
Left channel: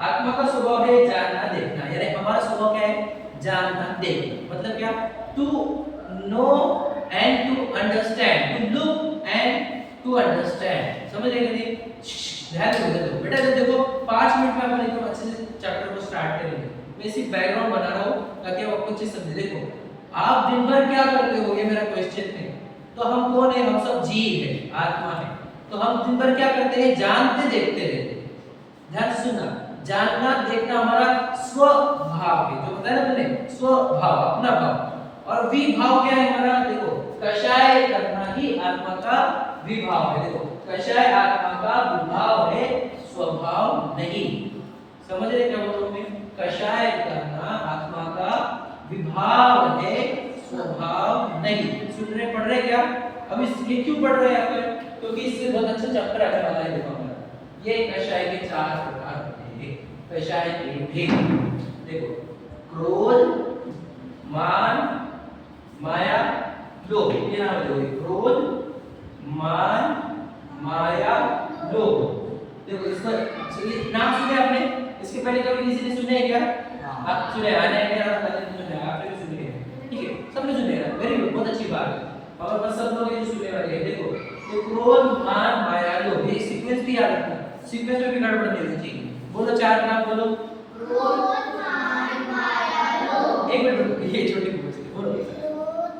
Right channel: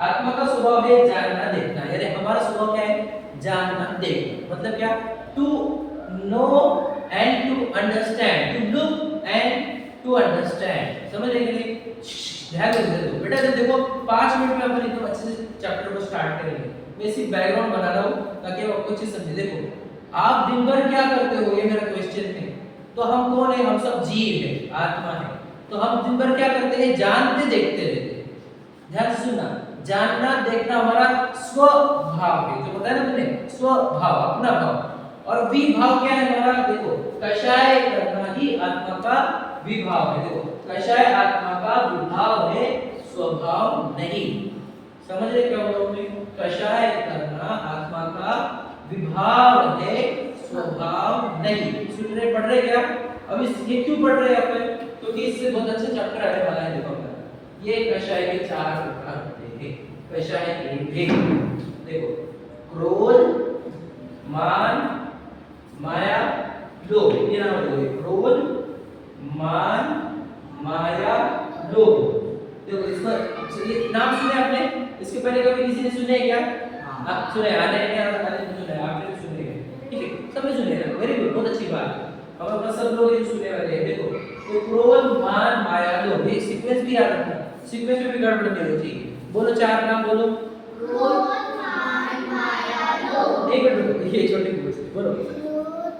आत्मा का स्वभाव है जानना देखना, यानी हमारा स्वभाव क्या है, जानना देखना। मतलब क्या, to know and to understand, to look and to understand. समझ रहे कि नहीं? ध्यान दो बेटा, देखो 5 मिनट में अपन एकदम अच्छे से चैप्टर को स्टार्ट करेंगे। मैं सिर्फ बैकग्राउंड बना रहा हूँ ताकि आप अच्छे से समझे। देखो आप दिन भर क्या करते हो, ये मेरा क्वेश्चन है। तो हम कौन है, हम सब जीव है, आत्मा है। तो हम दिन भर क्या करते हैं, जानते देखते रहते हैं। ध्यान से सुनना, जानना देखना हमारा स्वभाव है, जो बताया ना तुमने, स्वभाव, अपना भाव। और विभाव क्या है हमारा, देखो कषाय करना ही आत्मा का विभाव है। देखो कषाय आत्मा का विभाव है, स्वभाव नहीं। समझ रहे क्या बोल रहा हूं मैं? कषाय करना आत्मा का विभाव है, स्वभाव नहीं। सुन रहे, पढ़ रहे क्या? अब ये क्यों पढ़ रहे हैं यहाँ पे? क्योंकि इससे बहुत अच्छा चैप्टर आने वाला है। देखो ये कषाय के 4 प्रकार होते हैं। कषाय के भेद देखो, क्रोध, मान, माया, लोभ। ये नाम है, क्रोध, मान, माया, लोभ। देखो इसका ये नाम सुने आपने? इसके पहले कभी किसी ने सुने क्या? आप सुने? आने सुने, आपने भी सुने हैं, ठीक है? सबने सुने हैं, वेरी गुड, बहुत अच्छी बात है। हमारे पास सब लोग ये सुने वाले हैं। देखो तो क्रोध, मान, माया, लोभ, ये सीक्वेंस भी याद रखना, सीक्वेंस में भी गड़बड़ नहीं होनी चाहिए। बोलो 4 नाम बोलो। क्रोध, मान, माया, लोभ। एक मिनट, ये छोटी बोल से बोलो। क्रोध,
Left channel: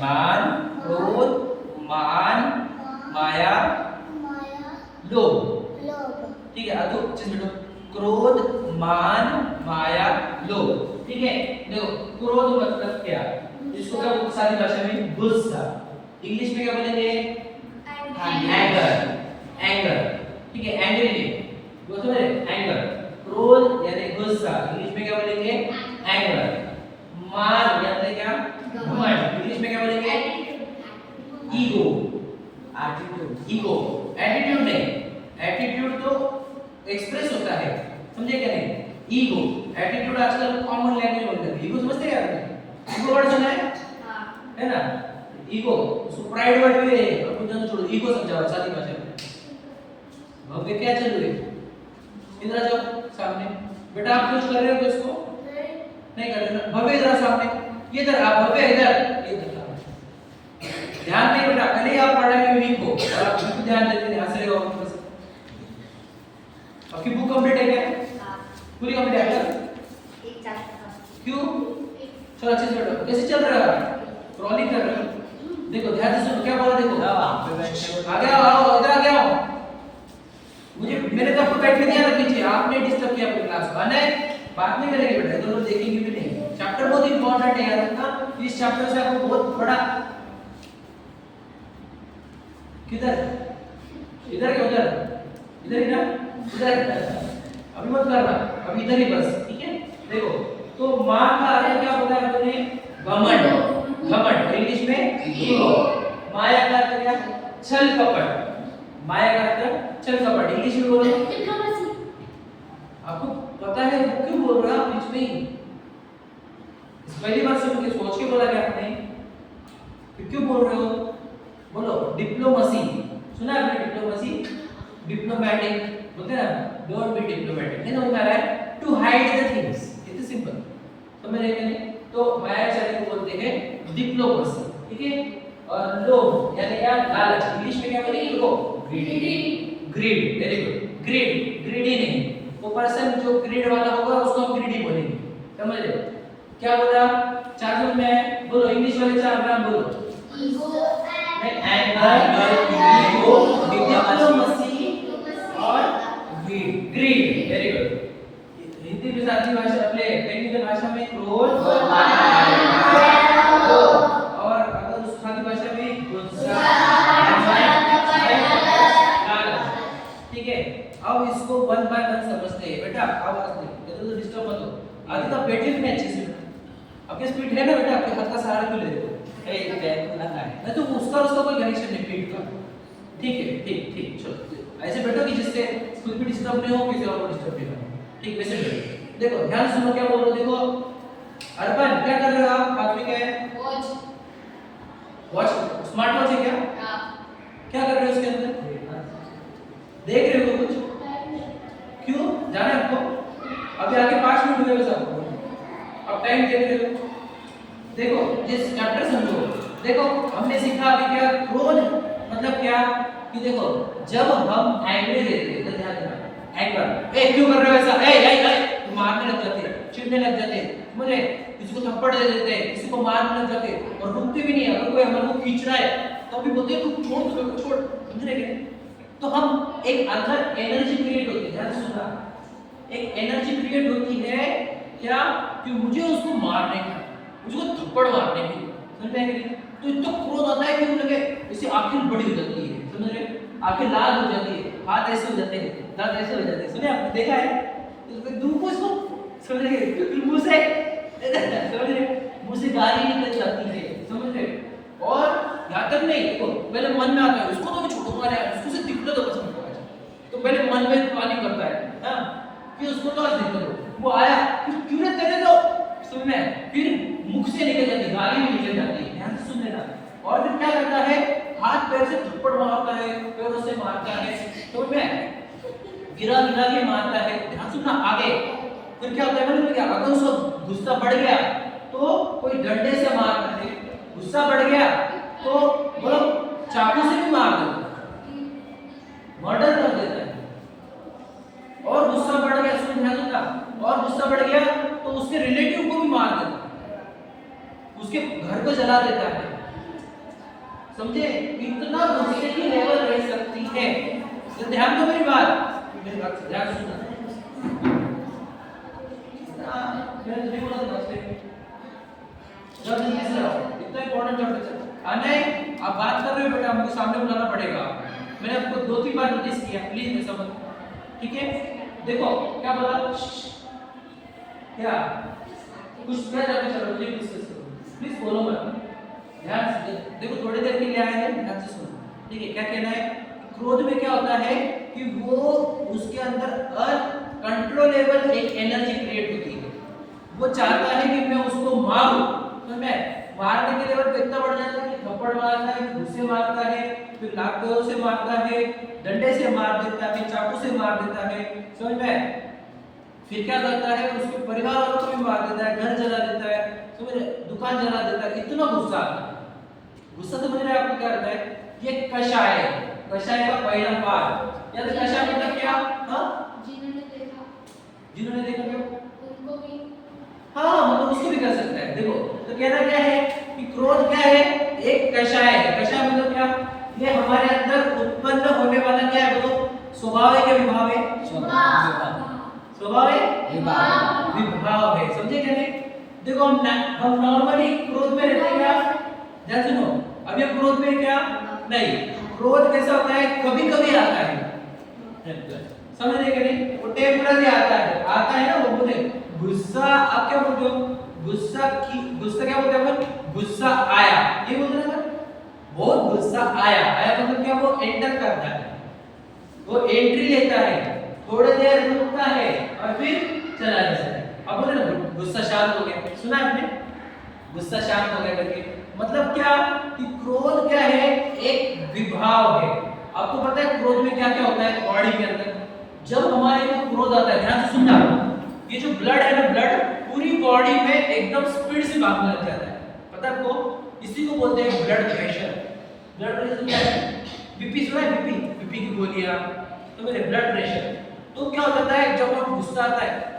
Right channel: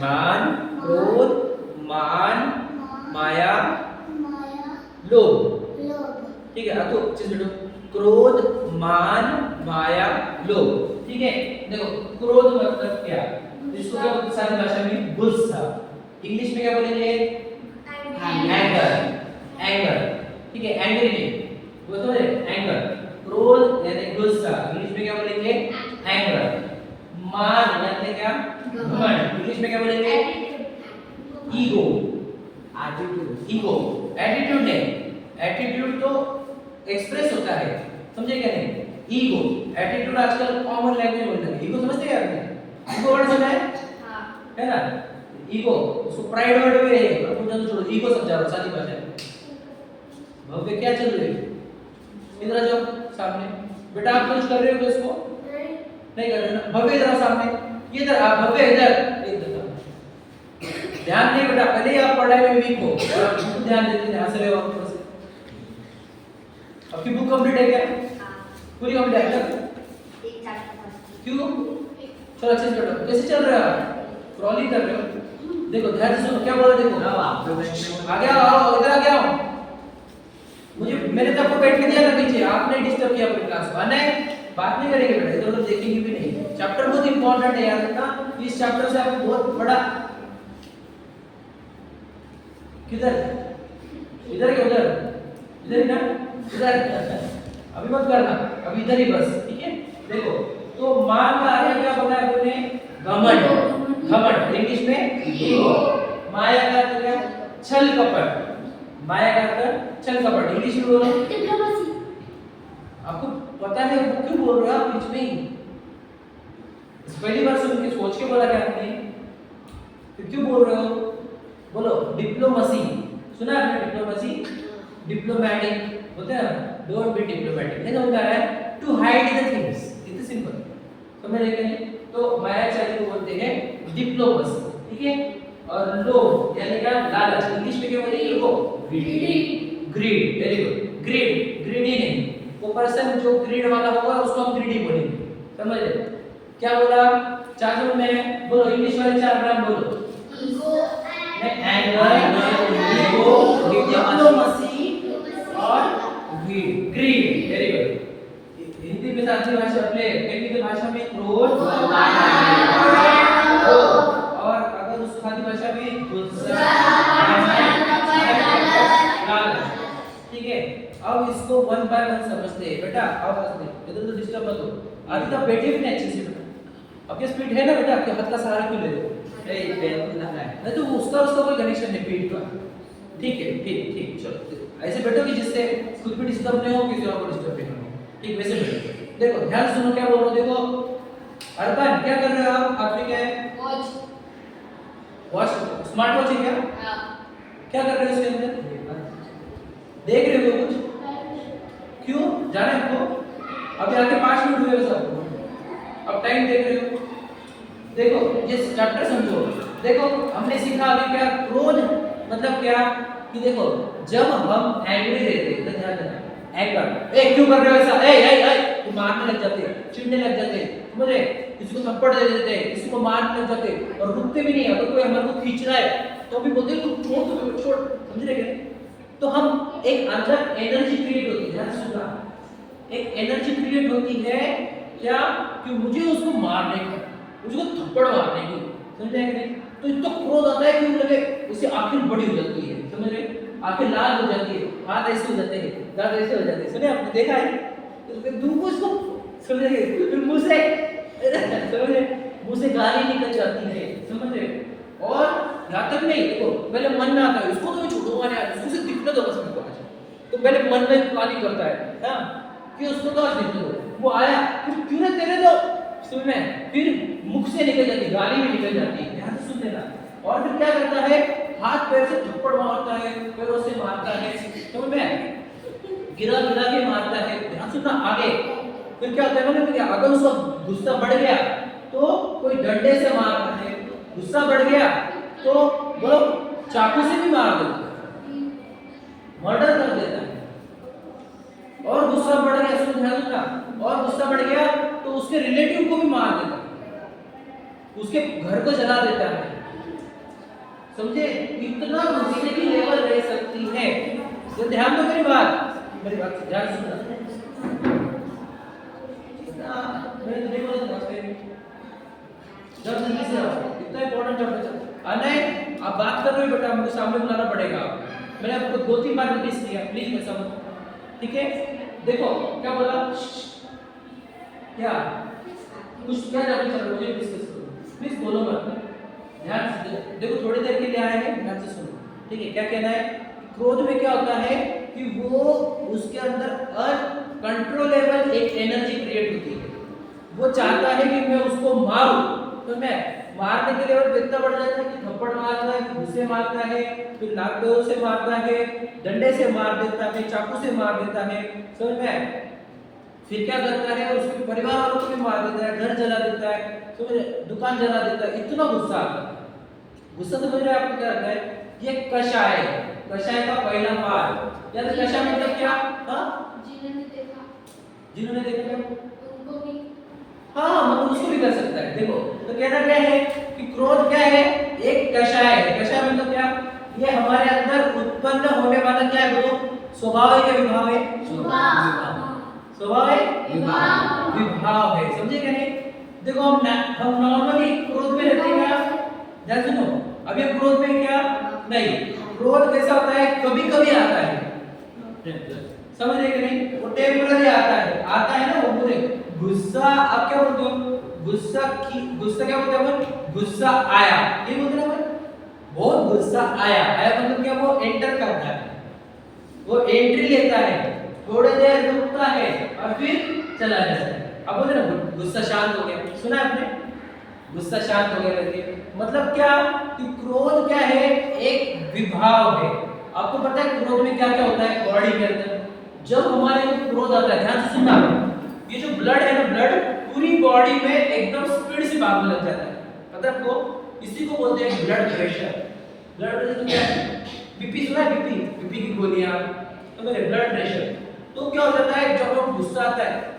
मान, क्रोध, मान, माया, लोभ। ठीक है, अब तो चीज बेटो, क्रोध, मान, माया, लोभ। ठीक है, देखो क्रोध मतलब क्या, इसको क्या बोलते हैं सारी भाषा में, गुस्सा। इंग्लिश में क्या बोलेंगे, एंगर। एंगर, ठीक है, एंग्री नहीं, वो समझे, एंगर। क्रोध यानी गुस्सा, इंग्लिश में क्या बोलेंगे, एंगर। मान यानी क्या, घमंड, इंग्लिश में क्या बोलेंगे, ईगो। एटीट्यूड, ईगो, एटीट्यूड नहीं, एटीट्यूड तो एक्सप्रेस होता है, समझे क्या नहीं? ईगो, एटीट्यूड आजकल कॉमन लैंग्वेज बोलते हैं। ईगो समझते हैं आपने? ईगो वर्ड सुना है? हां, है ना? ईगो, उसको प्राइड वर्ड भी है, पर कुछ तो छोड़ो, ईगो समझा रहा हूं सादी भाषा में। भव्य क्या चल रही है? इधर आ जाओ सामने। बेटा आप कुछ कर रहे हो इसको? नहीं कर रहे ना? भव्य इधर सामने, ये इधर आ, भव्य इधर, इधर ध्यान नहीं बेटा, पहले ही आप पढ़ाई में वीक हो और आप बिल्कुल ध्यान देते नहीं, हंस रहे हो ऊपर से। आपकी बुक कंप्लीट है क्या? हां, पूरी कंप्लीट है क्या? एक चैप्टर। क्यों? चलो अच्छे से बैठो। कैसे चल रहे हो आप? क्रॉलिंग कर रहे हो? देखो ध्यान से सुनो, क्या बोला देखो। आप पे बैठने आ गया, आओ इधर आ गया हूं। मुझे मैंने तो आपको बैठ के दिया था पीछे, आपने डिस्टर्ब किया अपनी क्लास को। आने बात नहीं करेंगे बेटा, इधर उधर देखेंगे भी नहीं। चैप्टर बहुत इंपॉर्टेंट है, याद रखना। इस चैप्टर से आपको बहुत बड़ा, किधर, इधर क्या उधर, इधर ही ना, इधर। अभी मत करना, अभी इधर ही बस, ठीक है? देखो तो मान का अर्थ क्या होता है बोले, घमंड। घमंड इंग्लिश में ईगो। माया का अर्थ क्या, छल कपट। माया का अर्थ छल कपट, इंग्लिश में बोलो डिप्लोमेसी। आपको पता है वो क्यों बोल रहे हो आप बीच में ही? पहली बार सुन के सोच के बोला क्या आपने? फिर क्यों बोल रहे हो? बोलो डिप्लोमेसी। सुना है आपने डिप्लोमेसी? डिप्लोमैटिक बोलते हैं ना, डोंट बी डिप्लोमैटिक। नहीं समझ में आ रहा है? टू हाइड द थिंग्स, इतना सिंपल समझ रहे हैं? तो मायाचारी को बोलते हैं डिप्लोमेसी, ठीक है? और लोभ यानी क्या, लालच, इंग्लिश में क्या बोलेंगे लोगों? Greedy. Greed, very good. Greed, greedy नहीं, वो पर्सन जो ग्रीड वाला होगा उसको हम ग्रीडी बोलेंगे, समझ रहे? क्या बोला? 4 शब्द में बोलो, इंग्लिश वाले 4 नाम बोलो। ईगो, एंगर, ईगो, डिप्लोमेसी और ग्रीड, वेरी गुड। हिंदी में साथी भाषा अपने टेक्निकल भाषा में क्रोध, और अगर उस खादी भाषा में गुस्सा, ठीक है। अब इसको वन बाय वन समझते हैं बेटा। आवाज दे, इधर तो डिस्टर्ब मत हो। आदि तो बैठे भी नहीं अच्छे से बेटा। आपके स्पीड है ना बेटा, आपके हाथ का सहारा क्यों ले रहे हो? नहीं तो उसका कोई कनेक्शन नहीं पीठ का। ठीक है, ठीक ठीक, चलो ऐसे बैठो कि जिससे खुद भी डिस्टर्ब नहीं हो, किसी और को डिस्टर्ब नहीं हो। ठीक, वैसे बैठो। देखो ध्यान सुनो क्या बोल रहा हूं। देखो अर्पण क्या कर रहे हो आप? हाथ में क्या है? वॉच, स्मार्ट वॉच है क्या? क्या कर रहे हो उसके अंदर? देख रहे हो कुछ? क्यों जाना है आपको? अभी आगे 5 मिनट हुए बस आपको। अब टाइम देख रहे हो। देखो ये चैप्टर समझो। देखो हमने सीखा अभी क्या, क्रोध मतलब क्या कि देखो जब हम एंग्री रहते हैं, ध्यान देना, एंगर, ए क्यों कर रहे हो ऐसा, ए तो मारने लग जाते, चिढ़ने लग जाते, मुझे किसी को थप्पड़ दे देते, किसी को मारने लग जाते और रुकते भी नहीं। अगर कोई हमारे को खींच रहा है तो भी बोलते तू छोड़, तू छोड़, समझ रहे क्या? तो हम एक अंदर एनर्जी क्रिएट होती है, ध्यान से सुनना, एक एनर्जी क्रिएट होती है क्या कि मुझे उसको मारने का, मुझे को थप्पड़ मारने की, समझ रहे हैं? तो इतना क्रोध आता है कि उन लगे इससे आंखें बड़ी हो जाती है, समझ रहे? आंखें लाल हो जाती है, हाथ ऐसे हो जाते हैं, दांत ऐसे हो जाते हैं, सुने आपने देखा है? तो फिर दूर को इसको समझ रहे, फिर मुंह से समझ रहे, मुंह से गाली निकल जाती है, समझ रहे? और यहाँ तक नहीं, देखो पहले मन में आता है इसको तो मैं छोड़ूंगा नहीं, इसको से दिखने दो बस मुझको आज। तो पहले मन में प्लानिंग करता है हाँ कि उसको तो आज दिखने दो, वो आया फिर क्यों ना तेरे दो, समझ में? फिर मुख से निकल जाती, गाली भी निकल जाती है, ध्यान से सुन लेना। और फिर क्या करता है, हाथ पैर से थप्पड़ मारता है, पैरों से मारता है, समझ में? गिरा गिरा के मारता है, ध्यान सुनना आगे। फिर क्या होता है मतलब क्या, अगर उसको गुस्सा बढ़ गया तो कोई डंडे से मारता है, गुस्सा बढ़ गया तो बोलो चाकू से भी मार देता है, मर्डर कर देता है। और गुस्सा बढ़ गया, सुन ध्यान सुनना, और गुस्सा बढ़ गया तो उसके रिलेटिव को भी मार देता है, उसके घर को जला देता है, समझे? इतना गुस्से की लेवल रह सकती है। तो ध्यान दो मेरी बात से ध्यान सुनना। मैं तुझे बोला था बस जब जल्दी से आओ, इतना इंपॉर्टेंट चैप्टर है। आना है, आप बात कर रहे हो बेटा, हमको सामने बुलाना पड़ेगा आपको। मैंने आपको 2-3 बार नोटिस किया, प्लीज ऐसा मत, ठीक है? देखो क्या बोला, क्या कुछ क्या जाके चलो मुझे डिस्कस करो, प्लीज बोलो मत, ध्यान से देखो, थोड़ी देर के लिए आए हैं, ध्यान से सुनो, ठीक है? क्या कहना है, क्रोध में क्या होता है कि वो उसके अंदर अनकंट्रोलेबल एक एनर्जी क्रिएट होती है। वो चाहता है कि मैं उसको मारूं, तो मैं मारने के लेवल पे इतना बढ़ जाता है कि थप्पड़ मारता है, घुसे मारता है, फिर लातों से मारता है, डंडे से मार देता है, चाकू से मार देता है, समझ में? फिर क्या करता है, उसके परिवार वालों को भी मार देता है, घर जला देता है, समझ, दुकान जला देता है, इतना गुस्सा आता है। गुस्सा समझ रहे हैं आपको क्या होता है? ये कषाय है, कषाय का पहला पार्ट। याद है कषाय मतलब क्या? हाँ जिन्होंने देखा क्या उनको भी, हाँ मतलब उसको भी कर सकता है। देखो तो कहना क्या है कि क्रोध क्या है, एक कषाय है। कषाय मतलब क्या? ये हमारे अंदर उत्पन्न होने वाला क्या है, वो स्वभाव है क्या विभाव है? स्वभाव है, विभाव है, समझे क्या नहीं? देखो हम नॉर्मली क्रोध में रहते हैं क्या? ध्यान सुनो, अभी हम क्रोध में क्या नहीं, क्रोध कैसा होता है, कभी कभी आता है, समझ रहे कि नहीं? वो टेम्पररी आता है ना, वो बोले गुस्सा, आप क्या बोलते हो? गुस्सा क्या बोलते हैं? गुस्सा आया, ये बोलते हैं ना, बहुत गुस्सा आया मतलब क्या, वो एंटर करता है, वो एंट्री लेता है, थोड़ी देर रुकता है और फिर चला जाता है। अब बोले ना गुस्सा शांत हो गया, सुना आपने? गुस्सा शांत हो गया करके मतलब क्या कि क्रोध क्या है, एक विभाव है। आपको पता है क्रोध में क्या क्या होता है बॉडी के अंदर? जब हमारे को क्रोध आता है, ध्यान से सुनना, ये जो ब्लड है ना, ब्लड पूरी बॉडी में एकदम स्पीड से भागने लग जाता है, पता है आपको? इसी को बोलते हैं ब्लड प्रेशर। ब्लड प्रेशर क्या है? बीपी सुना है? बीपी की गोलियां, तो मेरे ब्लड प्रेशर। तो क्या हो जाता है जब हम गुस्सा आता है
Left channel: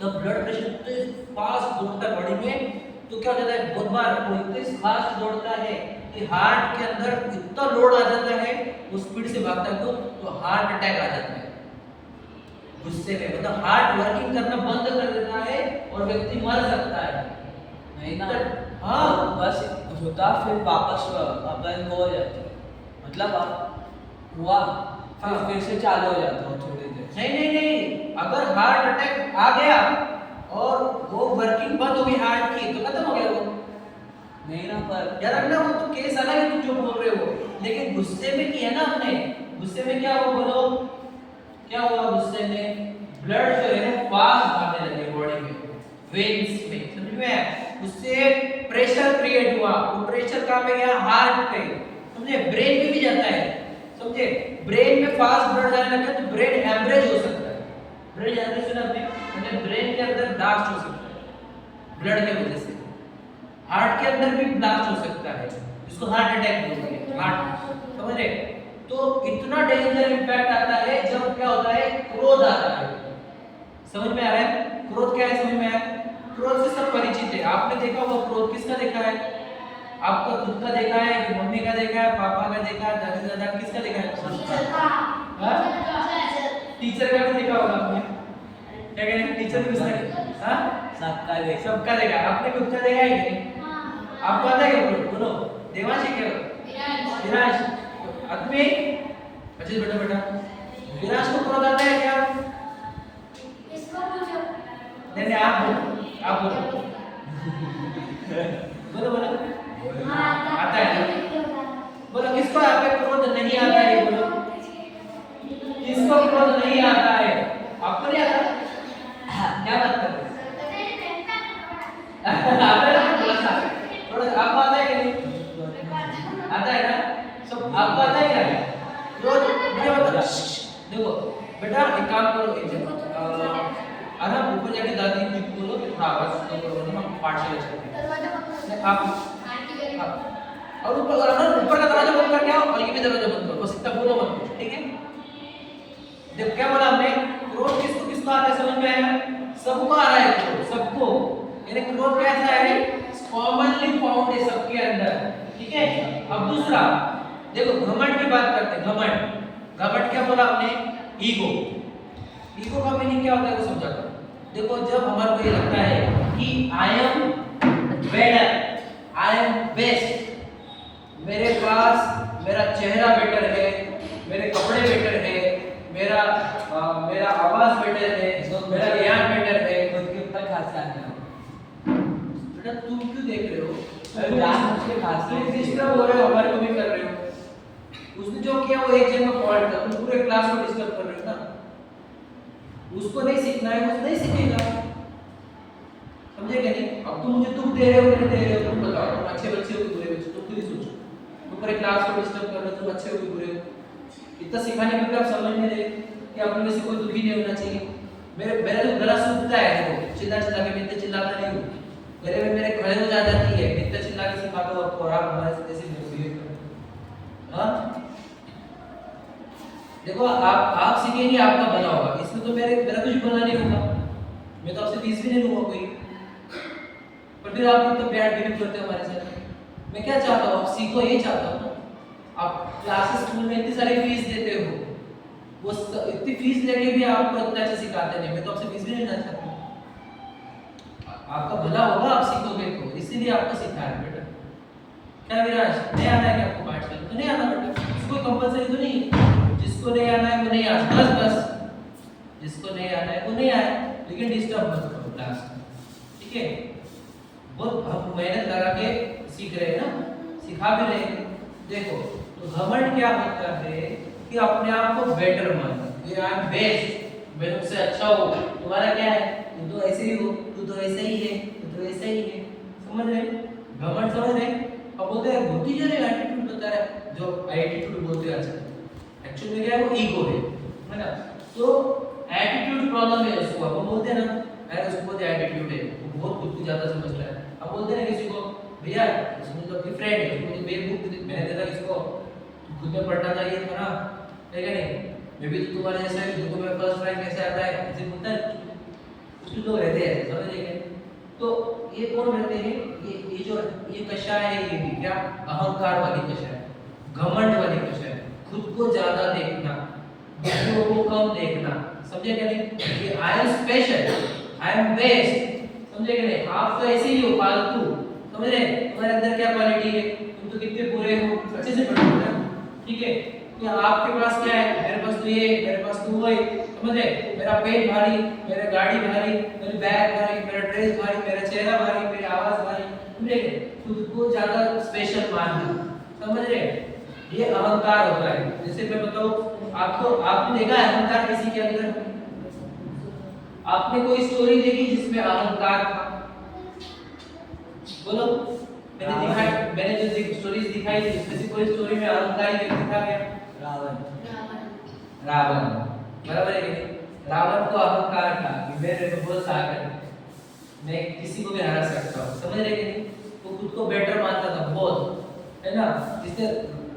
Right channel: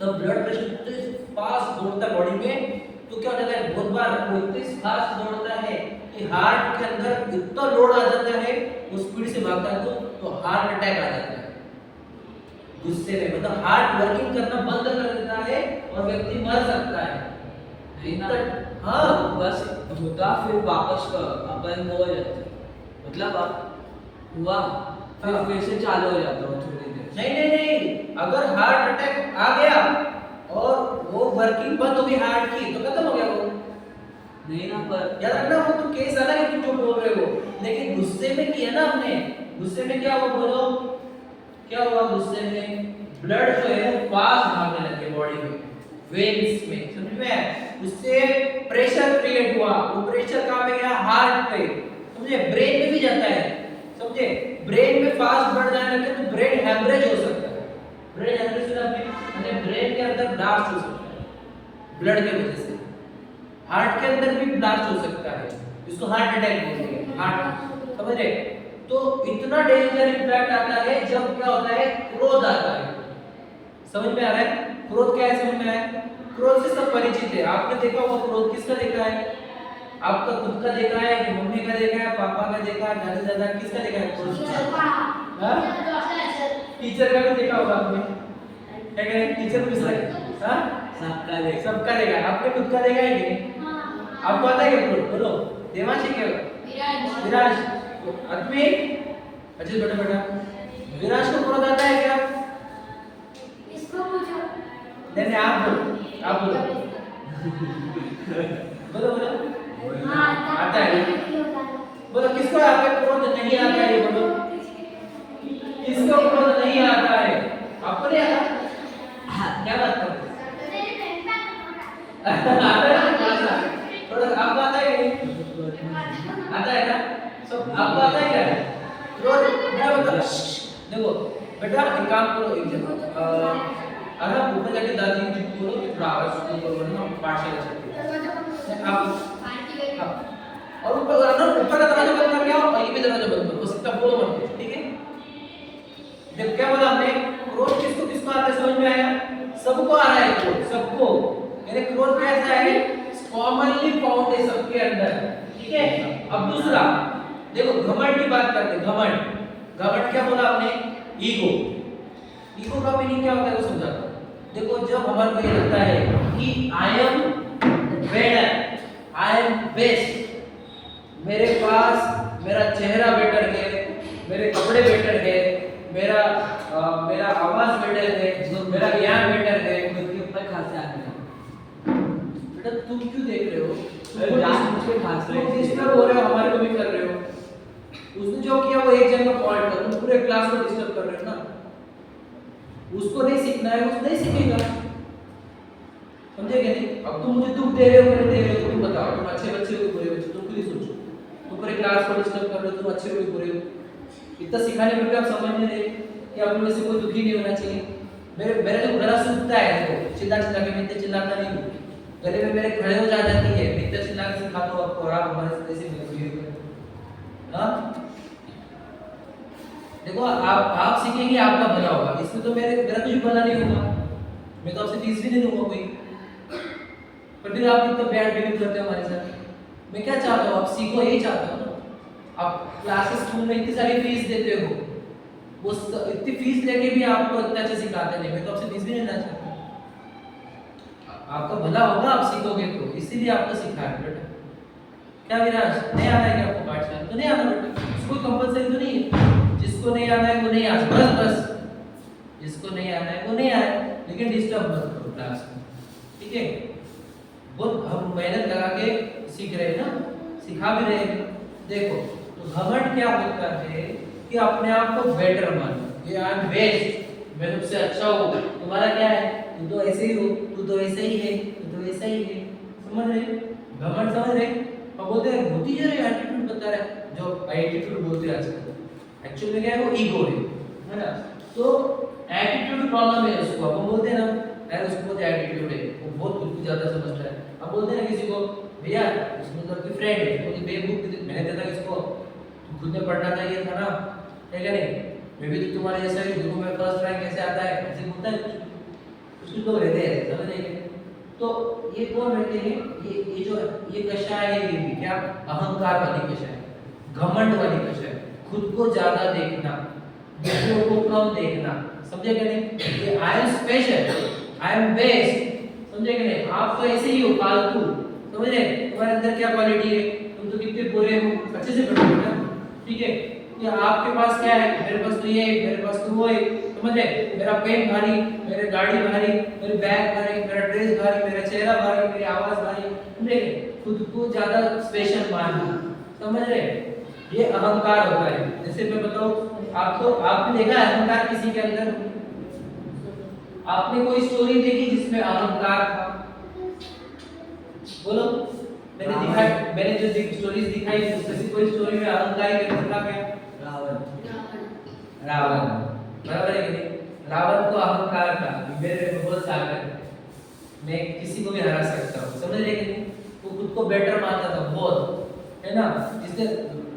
तो ब्लड प्रेशर इतने फास्ट दौड़ता है बॉडी में, तो क्या हो जाता है, बहुत बार वो इतने फास्ट दौड़ता है कि हार्ट के अंदर इतना लोड आ जाता है वो स्पीड से भागता है तो हार्ट अटैक आ जाता है गुस्से में, मतलब हार्ट वर्किंग करना बंद कर देता है और व्यक्ति मर सकता है। नहीं ना, हाँ तो बस होता फिर वापस अपन वो हो जाता, मतलब अब हुआ फिर से चालू हो जाता है थोड़ी देर। नहीं, अगर हार्ट अटैक आ गया और वो वर्किंग बंद हो गई हार्ट की तो खत्म हो गया वो। नहीं ना, पर याद रखना वो तो केस अलग है तुम जो बोल रहे हो, लेकिन गुस्से में किया ना हमने, गुस्से में क्या हुआ बोलो, क्या हुआ गुस्से में, ब्लड जो है वो फास्ट भागने लगे बॉडी में, वेन्स में, समझ में आया? उससे प्रेशर क्रिएट हुआ, वो प्रेशर कहाँ पे गया, हार्ट पे, समझे? ब्रेन में भी जाता है, समझे? ब्रेन में फास्ट ब्लड जाने लगे तो ब्रेन हैमरेज हो सकता है। ब्रेन हैमरेज सुना आपने, मतलब ब्रेन के अंदर ब्लास्ट हो सकता है ब्लड के वजह से, हार्ट के अंदर भी ब्लास्ट हो सकता है, जिसको हार्ट अटैक बोलते हैं, हार्ट, समझ रहे? तो इतना डेंजर इंपैक्ट आता है जब क्या होता है, क्रोध आता है। समझ में आ रहा है? क्रोध क्या है, समझ में आया? क्रोध से सब परिचित है, आपने देखा होगा क्रोध, किसका देखा है? आपका खुद का देखा है कि मम्मी का देखा है, पापा का देखा है, दादा दादा, किसका देखा है क्रोध? हाँ? टीचर का भी देखा होगा आपने, क्या कह रहे हैं? टीचर भी किसका, हाँ? सबका देख, सबका देखा है, आपने खुद का देखा है कि नहीं? आपको आता है क्या क्रोध? बोलो, देवांशी क्या? विराज, आदमी, अच्छा बेटा बेटा, विराज को क्रोध आता है क्या? इसको पूछो। नहीं आप बोलो, आप बोलो, बोलो बोलो, आता है ना? बोलो किसको यहाँ पे क्रोध नहीं आता है, बोलो किसको क्रोध नहीं आता है? आपको नहीं आता? क्या बात कर रहे आता है ना? थोड़ा आपको आता है कि नहीं? आता है ना? सब आपको आता है क्या? क्रोध मैं बता, देखो बेटा एक काम करो, एक जगह अरे ऊपर जाके दादी जी को बोलो कि थोड़ा आवाज कम करो ना, पाठशाला चलती है। आप और ऊपर का दरवाजा बंद करके आओ और ये भी दरवाजा बंद करो, बस इतना बोलो मत करो, ठीक है? देखो क्या बोला हमने, क्रोध किसको किसको आता है, समझ में आया? सबको आ रहा है क्रोध, सबको, यानी क्रोध कैसा है, कॉमनली फाउंड है सबके अंदर, ठीक है? अब दूसरा देखो, घमंड की बात करते हैं, घमंड, घमंड क्या बोला हमने, ईगो, ईगो का मीनिंग क्या होता है वो समझाता हूं। देखो जब हमारे को ये लगता है कि I am better, I am best, मेरे पास मेरा चेहरा बेटर है, मेरे कपड़े बेटर है, मेरा मेरा आवाज बेटर है, मेरा ज्ञान बेटर है, खुद के ऊपर खासा है। बेटा तुम क्यों देख रहे हो? अरे जान उसके खास तुम डिस्टर्ब हो रहे हो, हमारे को भी कर रहे हो। उसने जो किया वो एक जन का फॉल्ट था, तुम पूरे क्लास को डिस्टर्ब कर रहे हो ना। उसको नहीं सीखना है, वो नहीं सीखेगा, समझे कि नहीं? अब तुम मुझे दुख दे रहे हो कि नहीं दे रहे हो, तुम बताओ, तुम अच्छे बच्चे हो कि बुरे बच्चे, तुम खुद ही सोचो। तुम पूरे क्लास को डिस्टर्ब कर रहे हो, तुम अच्छे हो कि बुरे हो? इतना सिखाने में भी आप समझ नहीं रहे कि आप में से कोई दुखी नहीं होना चाहिए। मेरा जो गला सूखता है, देखो चिल्ला चिल्ला के, मैं इतने चिल्लाता नहीं हूँ, गले में मेरे खड़े हो जाती है, मैं इतना चिल्ला के सिखा दो आपको, और आप हमारे साथ ऐसे बिहेव करो। हाँ देखो आप सीखेंगे, आपका भला होगा, इसमें तो मेरा कुछ भला नहीं होगा, मैं तो आपसे फीस भी नहीं लूंगा कोई, पर फिर आप इतना बैड बिहेव करते हो हमारे साथ। मैं क्या चाहता हूँ, आप सीखो, ये चाहता हूँ। आप क्लासेस स्कूल में इतनी सारी फीस देते हो, वो इतनी फीस लेके भी आपको इतना अच्छा सिखाते नहीं, मैं तो आपसे फीस भी नहीं लेना चाहता। आपका भला होगा, आप सीखोगे तो, इसीलिए आपको सिखा रहे बेटा। क्या विराज, नहीं आना है क्या आपको पाठशाला? तो नहीं आना बेटा, इसको कंपलसरी तो नहीं है, जिसको नहीं आना है वो नहीं आ, बस बस, जिसको नहीं आना है वो नहीं आए, लेकिन डिस्टर्ब मत करो क्लास में, ठीक है? बहुत हम मेहनत लगा के सीख रहे हैं ना, सिखा भी रहे हैं। देखो तो घमंड क्या होता है कि अपने आप को बेटर मानना, ये आई एम बेस्ट, मैं तुमसे अच्छा हूँ, तुम्हारा क्या है, तू तो ऐसे ही हो, तू तो ऐसा ही है, तू तो ऐसा ही है, समझ रहे? घमंड समझ रहे? अब बोलते हैं बुद्धि जो है एटीट्यूड बता रहा है, जो एटीट्यूड बोलते हैं आजकल, एक्चुअली में क्या है, वो ईगो है ना? तो एटीट्यूड प्रॉब्लम है उसको, अब हम बोलते हैं ना यार उसको बहुत एटीट्यूड है, वो बहुत खुद को ज्यादा समझता है। अब बोलते हैं ना किसी को, भैया उसमें तो अपनी फ्रेंड है, मुझे बेवकूफ मैंने देखा इसको, तू खुद में पढ़ना चाहिए था ना, है क्या नहीं? मैं भी तो तुम्हारे जैसा ही, देखो मैं फर्स्ट रैंक कैसे आता है, ऐसे बोलता है कुछ लोग रहते हैं, समझ रहे? तो ये कौन रहते हैं, ये जो ये कषाय है, ये भी क्या अहंकार वाली कषाय, घमंड वाली कषाय, खुद को ज्यादा देखना, दूसरों को कम देखना, समझे कि नहीं? ये I am special, I am best, समझे कि नहीं? आप तो ऐसे ही हो फालतू, समझ रहे? तुम्हारे अंदर क्या क्वालिटी है, तुम तो कितने बुरे हो, अच्छे से पढ़ो ना, ठीक है? या आपके पास क्या है, मेरे पास तो ये है, मेरे पास तो वो है, समझ रहे? मेरा पेट भारी, मेरे गाड़ी भारी, मेरे बैग भारी, मेरा ड्रेस भारी, मेरा चेहरा भारी, मेरी आवाज भारी, समझ रहे? खुद को ज्यादा स्पेशल मानना, समझ रहे? ये अहंकार होता है। जैसे मैं बताऊं आपको, आपने देखा है अहंकार किसी के अंदर? आपने कोई स्टोरी देखी जिसमें अहंकार था? बोलो। मैंने जो स्टोरीज दिखाई उसमें से कोई स्टोरी में अहंकारी व्यक्ति था क्या? रावण, बराबर है कि नहीं? रावण को अहंकार था, मेरे में बहुत ताकत है, मैं किसी को भी हरा सकता हूँ, समझ रहे कि नहीं? वो खुद को बेटर मानता था बहुत, है ना? जिसने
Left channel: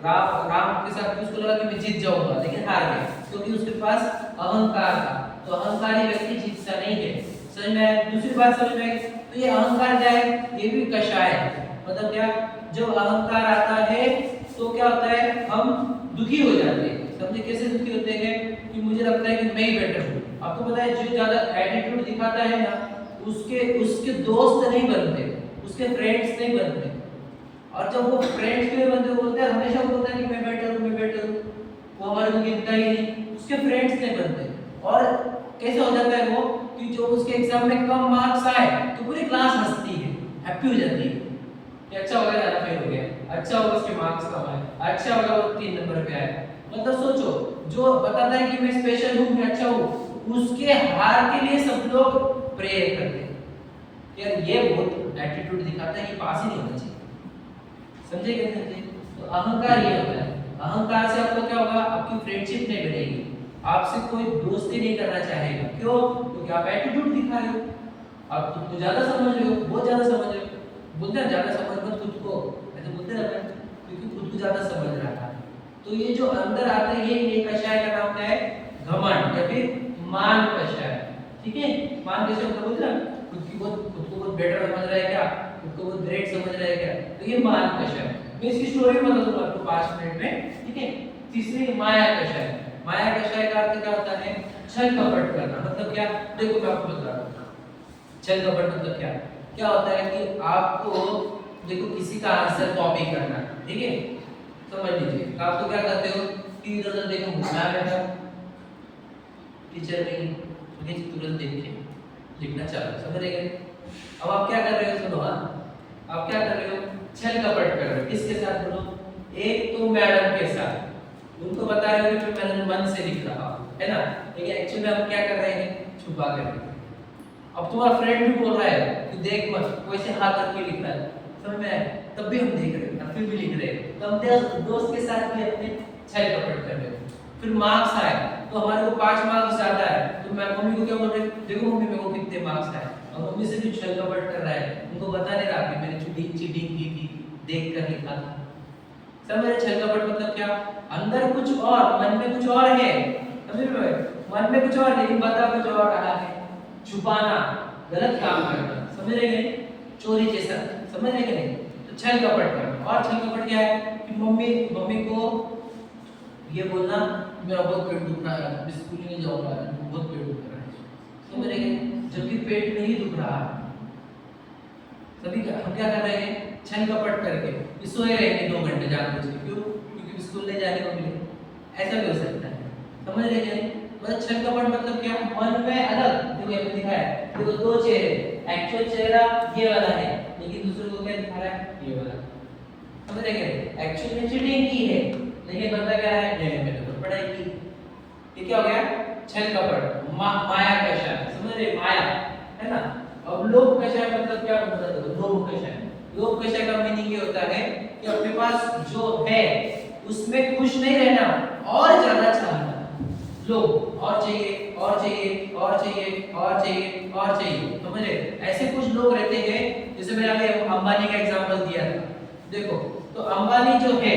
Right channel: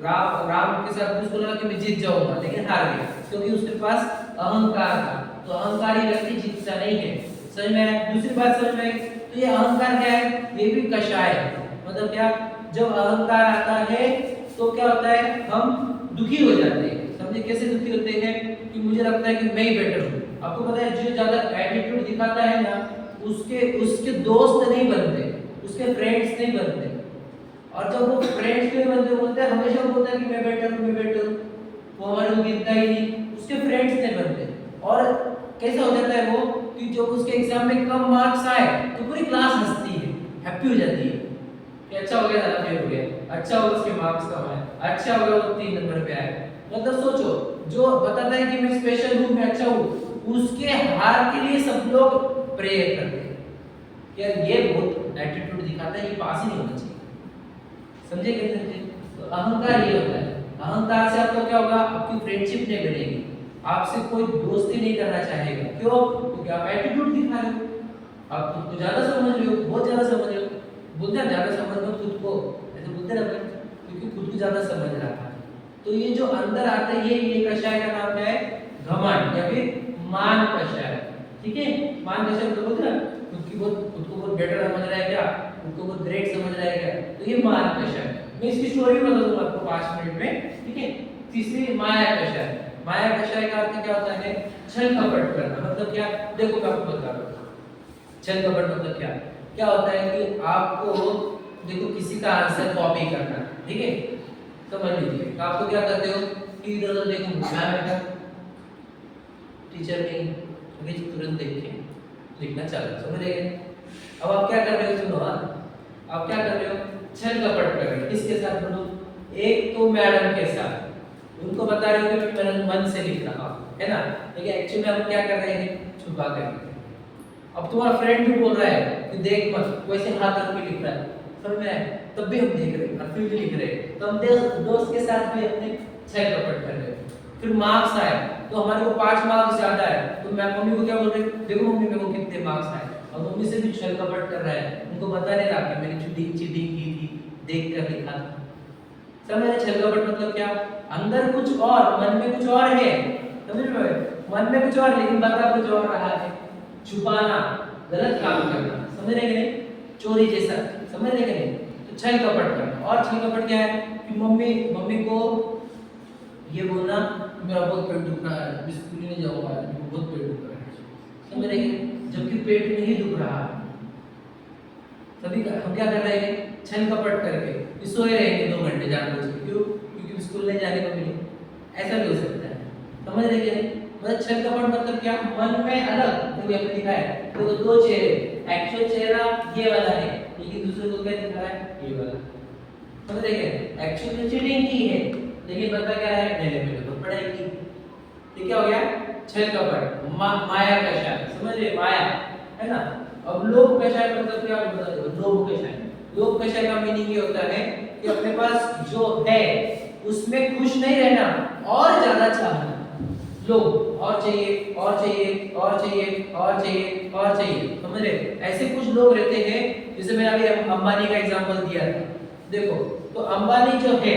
राम के साथ उसको लगा कि मैं जीत जाऊंगा, लेकिन हार गया क्योंकि उसके पास अहंकार था। तो अहंकारी व्यक्ति जीतता नहीं है, समझ में आया? दूसरी बात समझ में आई? तो ये अहंकार क्या है? ये भी कषाय है। मतलब क्या? जब अहंकार आता है तो क्या होता है, हम दुखी हो जाते हैं। समझे कैसे दुखी होते हैं? कि मुझे लगता है कि मैं ही बेटर हूँ। आपको पता है जो ज्यादा एटीट्यूड दिखाता है ना, उसके दोस्त नहीं बनते, उसके फ्रेंड्स नहीं बनते। और जब वो फ्रेंड्स के बनते, वो बोलते हैं हमेशा, वो बोलता है कि मैं बेटर हूँ, मैं बेटर हूँ, वो हमारे को गिनता ही नहीं, उसके फ्रेंड्स नहीं बनते। और कैसा हो जाता है वो कि जो उसके एग्जाम में कम मार्क्स आए तो पूरी क्लास हंसती है, हैप्पी हो जाती है कि अच्छा हो गया, ज्यादा फेल हो गया, अच्छा होगा उसके मार्क्स कम आए, अच्छा होगा वो 3 नंबर पे आए। मतलब सोचो, जो बताता है कि मैं स्पेशल हूँ, मैं अच्छा हूँ, उसके हार के लिए सब लोग प्रेयर करते हैं। यार ये बहुत एटीट्यूड दिखाता है, ये पास ही नहीं होना चाहिए, समझे कि नहीं समझे? तो अहंकार ये होता है। अहंकार से आपको क्या होगा? आपकी फ्रेंडशिप नहीं बनेगी, आपसे कोई दोस्ती नहीं करना चाहेगा। क्यों? क्योंकि आप एटीट्यूड दिखा रहे हो, आप खुद को ज्यादा समझ रहे हो, बहुत ज्यादा समझ रहे हो। बोलते हैं ज्यादा समझ मत खुद को, ऐसे बोलते रहते हैं, क्योंकि खुद को ज्यादा समझ रहा है। तो ये जो अंदर आता है, ये कषाय का नाम क्या है? घमंड या फिर मान कषाय, ठीक है? मान कषाय मतलब बोलते हैं खुद को बहुत बेटर समझ रहा है क्या, खुद को बहुत ग्रेट समझ रहा है क्या, तो ये मान कषाय। मैं इसकी स्टोरी बता दूंगा आपको 5 मिनट में, ठीक है? तीसरी माया कषाय। माया कषाय का अर्थ क्या होता है? छल कपट करना। मतलब क्या? देखो मैं आपको बता रहा हूँ, छल कपट मतलब क्या? क्या होता है कि आपको देखो किसी का आंसर कॉपी करना, ठीक है? समझ लीजिए, आप तो क्या करते हो कि इधर उधर देखो, मैं बेटा टीचर नहीं, तुरंत देख के लिखना चालू, समझ रहे? अब आप क्या कर रहे हो? सुनो, हाँ, आप क्या कर रहे हो? छल कपट कर रहे हो। किसके साथ? बोलो। एक तो मैडम के साथ, उनको बता रहे हो कि मैं मन से लिख रहा हूँ, है ना? लेकिन एक्चुअली हम क्या कर रहे हैं? छुपा कर। अब तुम्हारा फ्रेंड भी बोल रहा है कि देख मत, वैसे हाथ करके लिख रहा है, समझ में आया? तब भी हम देख रहे हैं और फिर भी लिख रहे हैं। तो हम दोस्त के साथ भी अपने छल कपट कर रहे हैं। फिर मार्क्स आए तो हमारे को 5 मार्क्स ज्यादा है, तो मैं मम्मी को क्या बोल रही हूँ? देखो मम्मी, मेरे को कितने मार्क्स आए। और मम्मी से भी छल कपट कर रहा है, उनको बता नहीं रहा कि मैंने चीटिंग की थी, देख कर लिखा था। समझ रहे? छल कपट मतलब क्या? अंदर कुछ और, मन में कुछ और है, समझ रहे? मन में कुछ और, लेकिन बता कुछ और रहा है। छुपाना, गलत काम करना, समझ रहे कि नहीं? चोरी जैसा, समझ रहे कि नहीं? तो छल कपट करना। और छल कपट क्या है? कि मम्मी को ये बोलना, मेरा बहुत पेट दुख रहा है, मैं स्कूल नहीं जाऊंगा, मेरा बहुत पेट दुख रहा है, समझ रहे कि नहीं? जबकि पेट नहीं दुख रहा है। सभी हम क्या कर रहे हैं? छल कपट करके सोए रहेंगे 2 घंटे जानबूझ के। क्यों? क्योंकि स्कूल नहीं जाने को मिले। ऐसा भी हो सकता है, समझ रहे कि नहीं? मतलब छल कपट मतलब क्या? मन में अलग, देखो यहाँ पे दिखा है, देखो 2 चेहरे, एक्चुअल चेहरा ये वाला है, लेकिन दूसरे को क्या दिखा रहा है? ये वाला। समझ रहे क्या? एक्चुअल में चीटिंग की है, लेकिन बता क्या है? नहीं, मैंने खुद पढ़ाई की। ये क्या हो गया? छल कपट, माया कषाय, समझ रहे? माया, है ना? अब लोभ कषाय मतलब क्या? लोभ कषाय। लोभ कषाय का मीनिंग ये होता है कि अपने पास जो है उसमें खुश नहीं रहना, और ज्यादा चाहना। लोग और चाहिए, और चाहिए, और चाहिए, और चाहिए, और चाहिए, समझ रहे? ऐसे कुछ लोग रहते हैं, जैसे मैंने अभी अंबानी का एग्जांपल दिया था। देखो, तो अंबानी जो है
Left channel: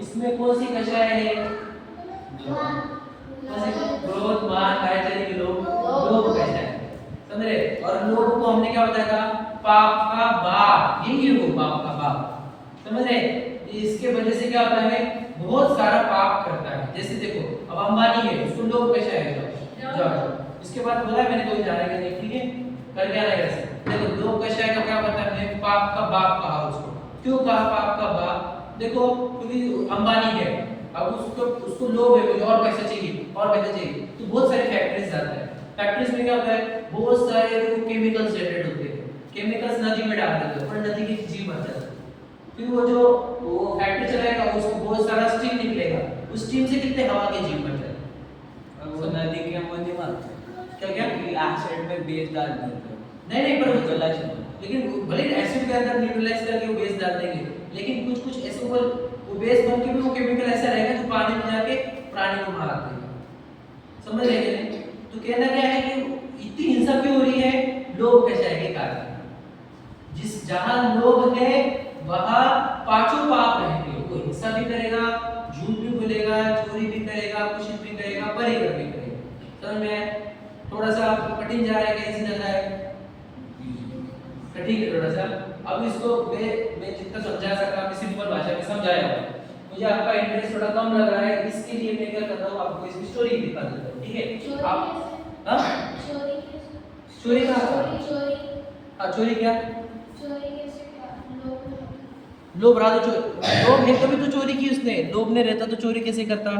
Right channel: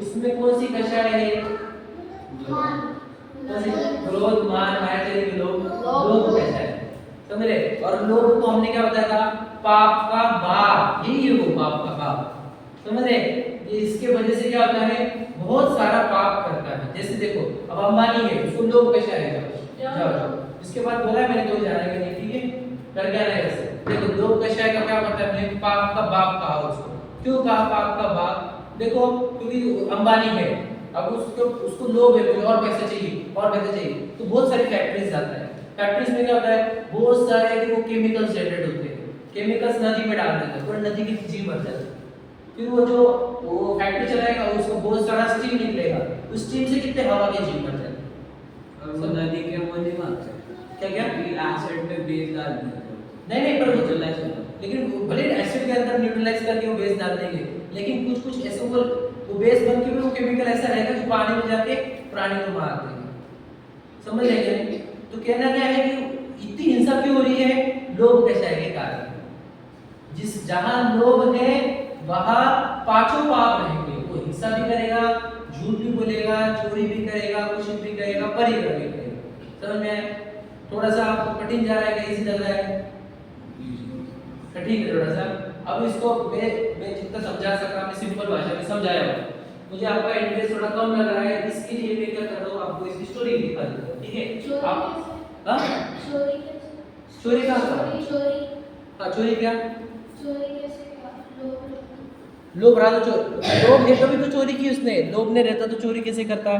उसमें कौन सी कषाय है? क्रोध, मान, माया, लोभ कषाय, समझ रहे? और लोभ को हमने क्या बताया था? पाप का बाप, यही है वो, पाप का बाप, समझ रहे? इसके वजह से क्या होता है? बहुत सारा पाप करता है। जैसे देखो अब अंबानी है, उसको लोभ कैसा है, जाओ उसके बाद बोला है मैंने कोई जाने का नहीं, ठीक है, कर क्या नहीं ऐसे। देखो लोभ कैसा है क्या पता है, मैंने पाप का बाप कहा उसको। क्यों कहा पाप का बाप? देखो क्योंकि अंबानी है, अब उसको लोभ है, मुझे और पैसे चाहिए और पैसे चाहिए, तो बहुत सारी फैक्ट्रीज जाता है। फैक्ट्रीज में क्या होता है, बहुत सारे देखो केमिकल्स जनरेट होते हैं, केमिकल्स नदी में डाल देते हैं, पूरा नदी की जीव मर जाती है। फिर वो फैक्ट्री चलाएगा, उसको बहुत सारा स्टीम निकलेगा, उस स्टीम से कितने हवा के जीव मर जाते हैं। और वो नदी के वो नहीं मारते क्या क्या? एसिड में बेस डाल देते हैं। नहीं पर वो तो न्यूट्रलाइज होता है। लेकिन भले एसिड के अंदर न्यूट्रलाइज करके वो बेस डाल देंगे, लेकिन कुछ कुछ ऐसे ऊपर वो बेस बन के भी वो केमिकल ऐसा रहेगा जो पानी में जाके प्राणी को मार देगा। समझ रहे हैं नहीं? तो कहना क्या है कि इतनी हिंसा क्यों हो रही है? लोभ पेशा के कारण। जिस जहां लोभ है वहां पांचों पाप रहेंगे। वो हिंसा भी करेगा, झूठ भी बोलेगा, चोरी भी करेगा, कुछ भी करेगा, परिग्रह भी करेगा। समझ में आया? थोड़ा सा आपको कठिन जा रहा है, कैसी लग रहा है? कठिन है थोड़ा सा। अब इसको मैं जितना समझा सका मैं सिंपल भाषा में समझाया हूं। मुझे आपका इंटरेस्ट थोड़ा कम लग रहा है, इसके लिए मैं क्या कर रहा हूं, आपको इसकी स्टोरी दिखा देता हूं, ठीक है? आप हां चोरी का हां चोरी क्या लोभ रहा तो लोभ है तभी तो चोरी की उसने, लोभ नहीं रहता तो चोरी कैसे करता?